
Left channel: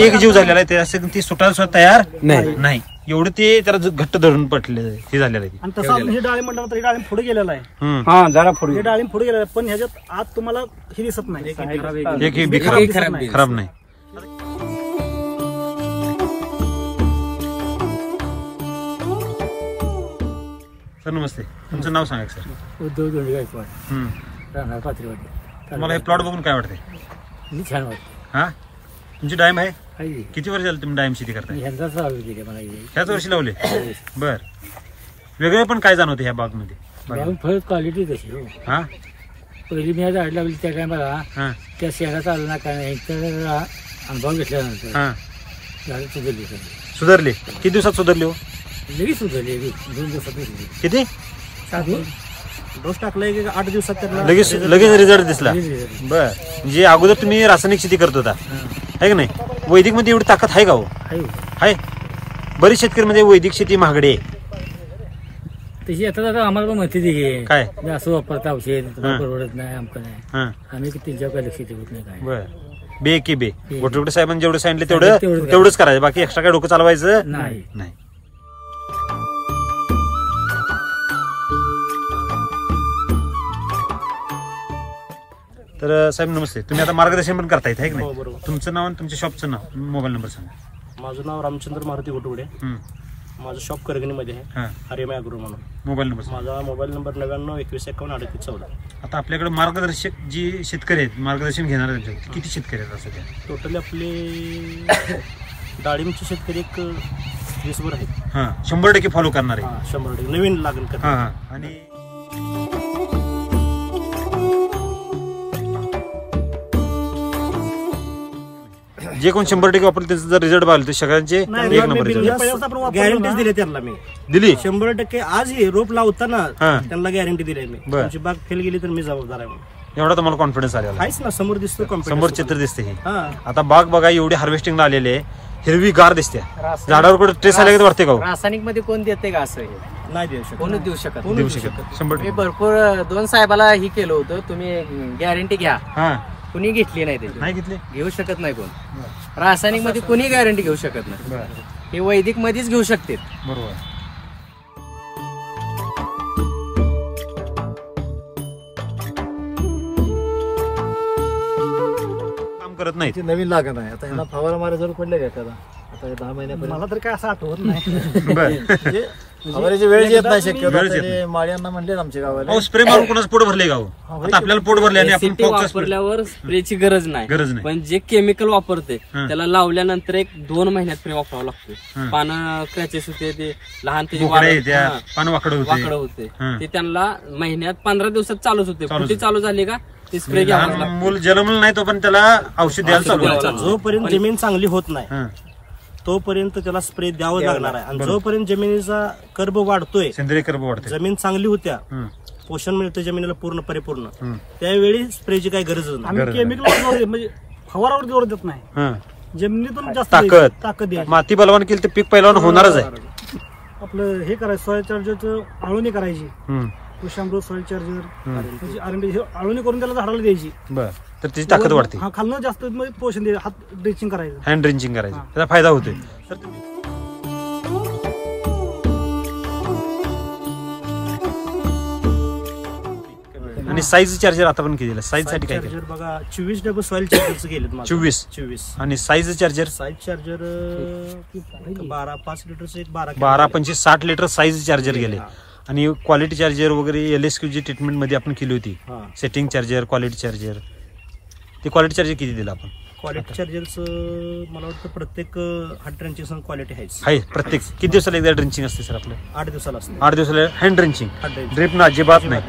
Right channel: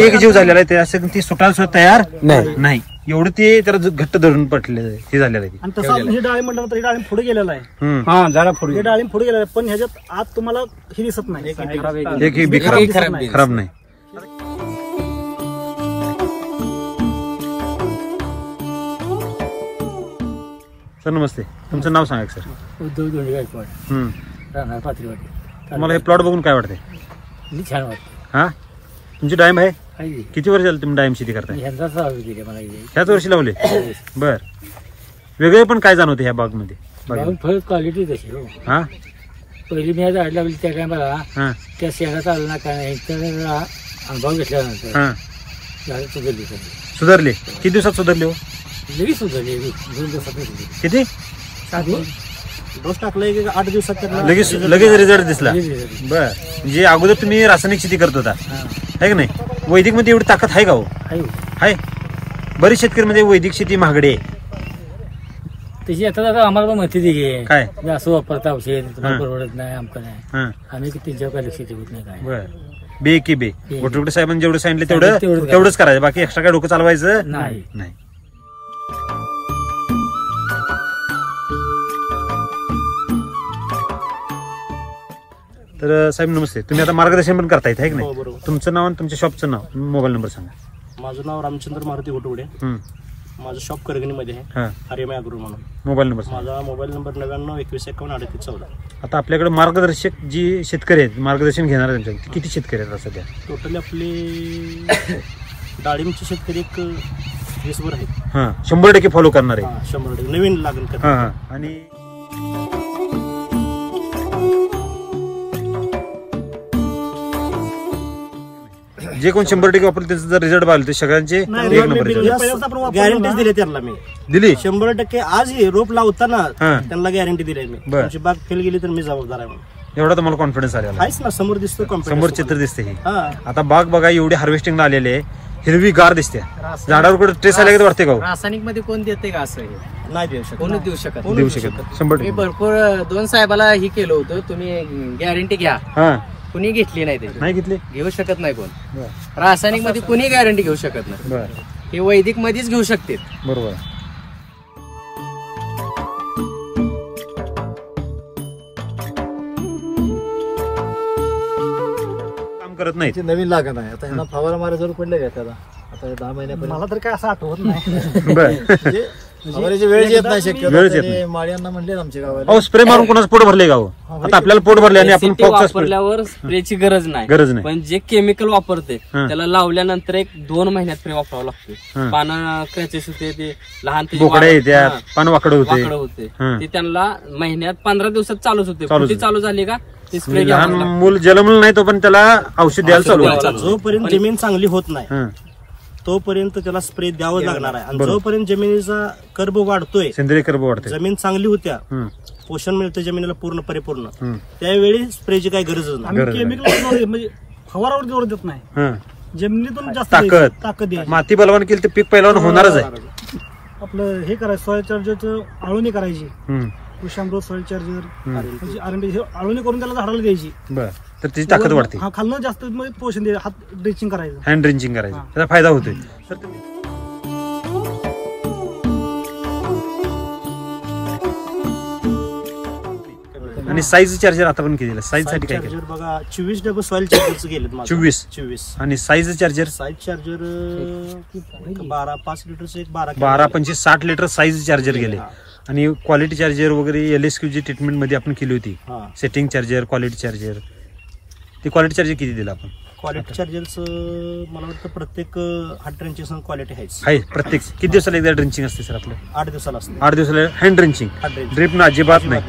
एक जीव झालेला आहे ते असं ती सुटायला सुद्धा तयार नाही. एवढं ते जरा घट्ट धरून पटले हे झालेलं आहे. आणि तसं हे डाळिंब म्हटलं तर डाळिंब पुढे गेलेला आहे. जरा पुढे हे डाळिंब पुढे गेलेलं आहे पण ह्याच्यात आत तुम्हाला हे दिसत नाही. एक बी खराब नाही. सर नमस्ते, तुमचं नाव सांगा सर. उद्धव दोंडे गायकवाड, राहणार पाथरीवाडी. तुम्हाला हे प्लॉट बघून काय वाटतंय? छान वाटतं. हा तुमची डाळिंब आहे? किती वर्ष झालं तुम्ही डाळिंब शेती करताय? ह्याच वर्षी लावले. बर. वेगळे पण काय जाणवते ह्या बाग मध्ये? फळ क्वालिटी तशी. हा पहिली मी झाड लावली त्या काय मला त्या शेंगा चालू ना काय अनुभव घेतल्यानंतर झाड सुधारले. किती दिवसात सुधारले हो? लगेच सुधारले. 2 दिवसात सुधारले. किती? डोस टाकलाय की 8 दिवसात त्यांना लगेच रिझल्ट दिसला. बर. म्हणजे अगोदर तुम्ही रासायनिक शेती करत होता आहे की नाही? वैदिक मध्ये एवढी ताकद आहे का हो? आहे. बरेच शेतकरी मध्ये वैदिक शेती महागडी आहे तशी. आता आम्हाला पण माहिती दे काय असं वापरता औषध परवडत नाही आमचं नाही. आम्ही त्यांच्यावर काय लक्ष देत नाही काय. बर. बे की बे गोटे साहेबांनी जेवढं सांगितलं तेवढंच करायचं. बाकी एक्स्ट्रा काय डोकं चालवायचं नाही. तर साहेब नमस्ते, तुम्ही आता मार्गदर्शन पण करता येत आहे की नाही? तुमचं नाव आणि तुमच्या शॉपचं नाव, मोबाईल नंबर सांगा. माझं नाव रामचंद्र मारुती घोटवडे. माझं शॉप करगणीमध्ये आहे, हरिमा अॅग्रो म्हणून. Mobile number? माझा मोबाईल नंबर 9921513814. आता आपल्याकडे मार्गदर्शक जी शेतकरी आहेत, मार्गदर्शन घेणार त्यांच्या किती शेतकरी आहेत सध्या? टोटली आपले डाळिंबचे शेतकरी एक 20 वर आहेत. 100% फॉलो करणार आहे. 100% नवीन लागण करणार. आणि जे कोण 100% वापरले त्याचा जर रिझल्ट पाहिलं तर सगळ्यांचे एक नंबर गॅरंटी दिली त्यांना मी. दिली 100%. आज हे रोप लावताना त्यांना गॅरंटी दिली मी. तुमची बाग फेल गेली तर मी जबाबदार आहे म्हणून. एवढा तुम्हाला कॉन्फिडन्स आलेला आहेच ना. समोर दिसतो, समोर चित्र दिसते. आता बाग बघा एवढी हार्वेस्टिंगला आलेले हिरवी गार दिसते. झाडावर कुठे ट्रेस आले का वाटते का? रासायनिक मध्ये कोण देते का? असं नाही देऊ शकत. कोण देऊ शकत? 100%. भरपूर 2 साहेबाला ही केलं होतं, तुम्ही गॅरंटी घ्या. कुणी घेतली नाही त्याची. नाही घेतली, घेऊ शकत नाही कोण. रासायनिक मध्ये कुणी गॅरंटी घेऊ शकत नाही. हे वैदिक मध्येच घेऊ शकते. बरोबर. काम करत नाही. नवीन लागण आहे आता. ह्यांना फवारा मारा जरूर पडले का त्याला? आता 10 महिन्यापर्यंत मला तर काय असं आठवत नाही. फवाराची वेळ येत नाही. शक्यतो माळ्यांना म्हणले आमच्या गावाला स्प्रे मारून कोणाचं पोट भरले गाव. आता आपल्याला पोट भरले आणि आपण वापरल्यावर स्प्रेची गरज नाही. पण जे केमिकल वापरते त्याला लावल्यानंतर 1-2 महिन्यात स्प्रे वापरावं लागतो. पानं क्रॅचेस होते, ते लहान पानं वाकडं होते, ते त्यांना महिन्यात 15 दिवसात चालूच होते. फुटी चालू झाली का ते स्प्रे लहान मूल जन्मलं नाही तो पण त्याला औषध द्यायला चालू. जोपर्यंत जमीन चांगली होत नाही तोपर्यंत त्याला स्प्रे द्यावं लागणार आहे. आणि जोपर्यंत जमिनीचा कर्ब वाढतोय, सेंद्रिय कर्ब वाढतोय, जमीन चांगली होत्या, पोषण मिळतं जमिनीला पूर्ण परिपूर्ण, त्यावेळी स्प्रेची काही गरजच नाही. केमिकल म्हणजे फवारावर जोर देत नाही, जमिनीतून जास्त ताकद आहे. माती बलवान केली तर पीक पहिल्यावर होणारच आहे. आपलं हे करायचं सॉइल चार्जरचं आळवणी करायची, कृषामृत सॉइल चार्जर आळवणी करून त्याला झाडाला द्यायची. तर त्याची ताकद वाढते. हा खालनं जास्त पोषण दे, हात ड्रिचिंग करायचं, हँड ड्रिंचिंग करायचं, त्याचा फायदा होतोय. आणि साईज चार्जर आता पण केलेलं, साईज साठी चार्जर बघा 24 डबल सॉइल चार्जरचं गेलेत. 24 आणि साईज चार्जर 12 5 लिटरचं एक 12 25 60 लिटर साईज चार्जर गेले. आणि क्वालिटी चार्जर वगैरे LSQ ट्रीटमेंट मध्ये आपण केली होती, सेटिंग चार्जर, क्वालिटी चार्जर. ते क्वालिटी चार्जर किती दिलं आपण? क्वालिटी चार्जरचं मला वाटतं प्रत्येक हार्ड ड्रिंचिंग क्वालिटी आहे. प्रत्येक किती दिवसाला एकदा ड्रिंचिंग असते सर आपलं? 8 दिवसाला असते. 8 दिवसाला हँड ड्रिंचिंग, ड्रिप ना अजिबात नाही.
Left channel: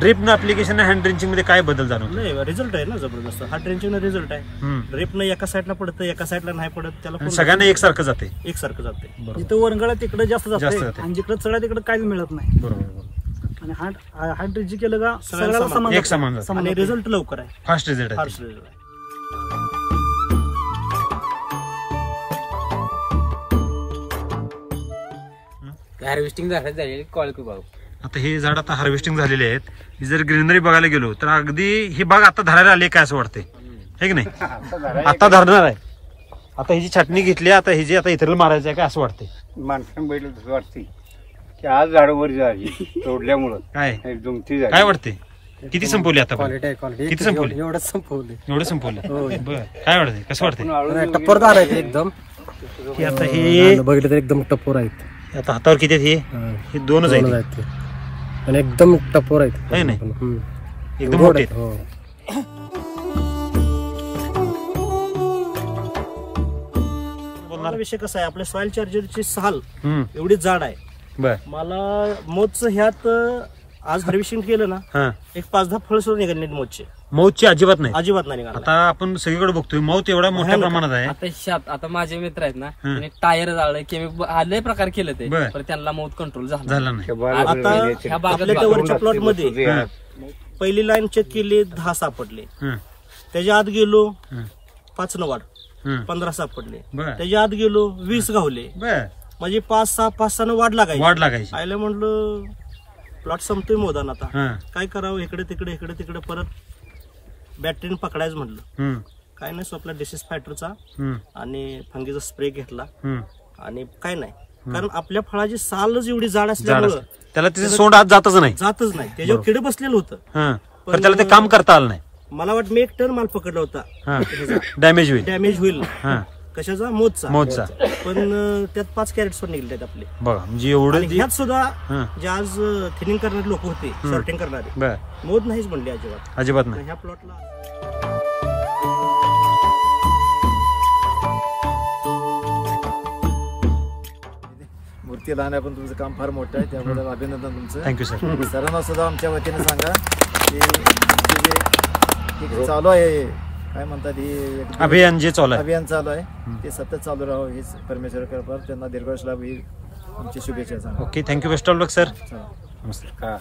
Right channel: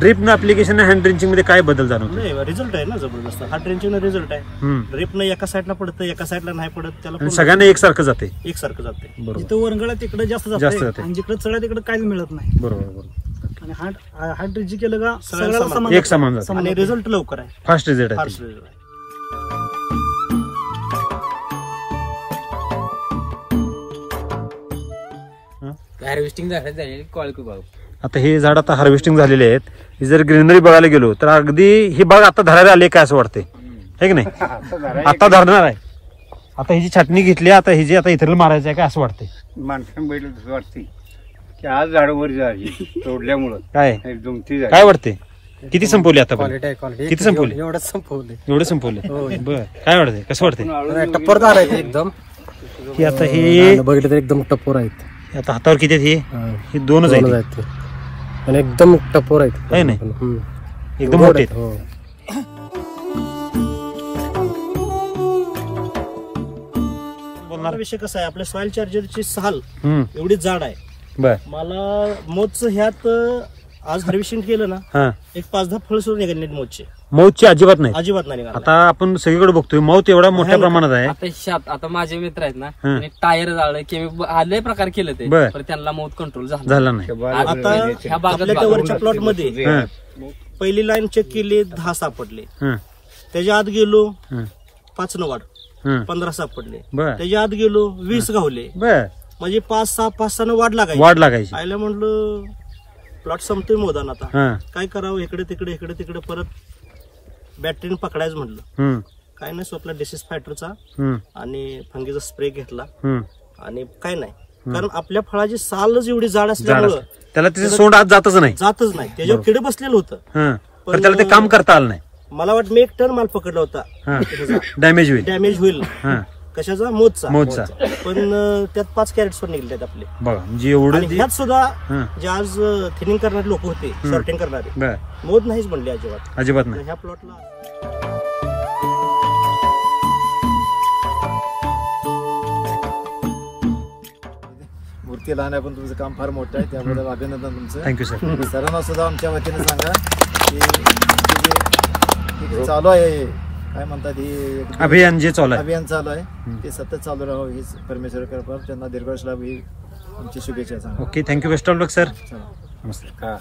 ड्रिप न ऍप्लिकेशन हँड ड्रिंचिंग मध्ये काय बदल जाणवतो? नाही, रिझल्ट आहे ना जबरदस्त. हार्ड ड्रिंचिंग रिझल्ट आहे. ड्रिप न एका साईडला पडतं, एका साईडला नाही पडत, त्याला सगळ्यांना एकसारखं जाते. इथं वरंगळा तिकडे जास्त जाते आणि जिकडे चढा तिकडे काहीच मिळत नाही. बरोबर. आणि हार्ड ड्रिंचिंग केलं का सगळ्याला एक समान जातं आणि रिझल्ट लवकर आहे, फास्ट रिझल्ट आहे. हार्वेस्टिंग झालेली कळकू भाऊ. आता हे झाड आता हार्वेस्टिंग झालेले आहेत. ही जर ग्रीनरी बघायला गेलो तर अगदी ही बाग आता धरायला आली काय असं वाटते, है की नाही? आता धरणार आहे. आता हिची छाटणी घेतली, आता हिची आता इतर मारायचं आहे काय असं वाटते? माणसं बैल वाटते की आज झाडावर झाली तोडल्यामुळं काय वाटते? किती संपवली आता? किती संपवली? एवढं संपवले. बरं, काय वाटते? कसं वाटते? टप्परदार आहेत एकदम. की आता हे बघितलं तर एकदम टप्पर आहेत. आता हातावर किती आहेत? हे दोनच आहेत आणि एकदम टप्पर आहेत, आहे नाही? एकदम मोठे आहेत. विषय कसा आहे, आपल्या सॉइल चार्जरची साल एवढी जाड आहे. मला मोजचं ह्यात आज हार्वेस्टिंग केलं ना, एक 5-10 फळ सोडून निघाले मोजचे. मौतची अजिबात नाही, अजिबात नाही. आता आपण सगळीकडे बघतोय मौत एवढ्या मोठ्या प्रमाणात आहे. आता माझे मित्र आहेत ना, टायर जाळलं, केमिकल आले प्रकार केलं ते, पण त्यांना मौत कंट्रोल झाला नाही. आता आपल्या वरच्या प्लॉट मध्ये पहिली लाईन चेक केली, 10 सापडले. त्याच्या आत गेलो 5 न वाढ, 15 सापडले. त्याच्या आत गेलो 20 गावले. म्हणजे 5-6 न वाढ लागायची. आयला म्हणलं प्लॉट संपतोय मोदान, आता काय करावं? इकडे तिकडे परत बॅटरीने पकडायचं म्हटलं. काय नाही, आपला डिसीज फायटरचा आणि फंगीचा स्प्रे घेतला आणि काय नाही, कारण आपल्या फळाची सालच एवढी जाड असल्यामुळं त्याला त्याचं सोंड आज जातच नाही. त्याच्यावर किडे बसलेलं होतं, पण त्याला ते काम करता आलं नाही. मला वाटतं मी 1 टन माल पकडला होता. डॅमेज होईल कशाचा? मोजचा. पण त्यात 5 कॅरेट्स पण निघले आपले. बघा, म्हणजे एवढं. ह्यात सुद्धा जे आज थिनिंग करणारे लोक होते, सॉर्टिंग करणारे, मोद नाहीच म्हणले अजिबात नाही. ह्या प्लॉटला मूर्ती लहान आहे पण तुमचं काम फार मोठं आहे, त्याबद्दल अभिनंदन तुमचं. Thank you sir. सरांना सुद्धा आमच्या वतीने सांगा की चालू आहे, काय म्हणतात, हे अभियान जे चालू आहे ते सतत चालू राहावं हीच परमेश्वर कृपा. त्यांना दीर्घायुष्य लाभ ही आमची शुभेच्छा सांगा. Okay, thank you. Best of luck sir. नमस्कार.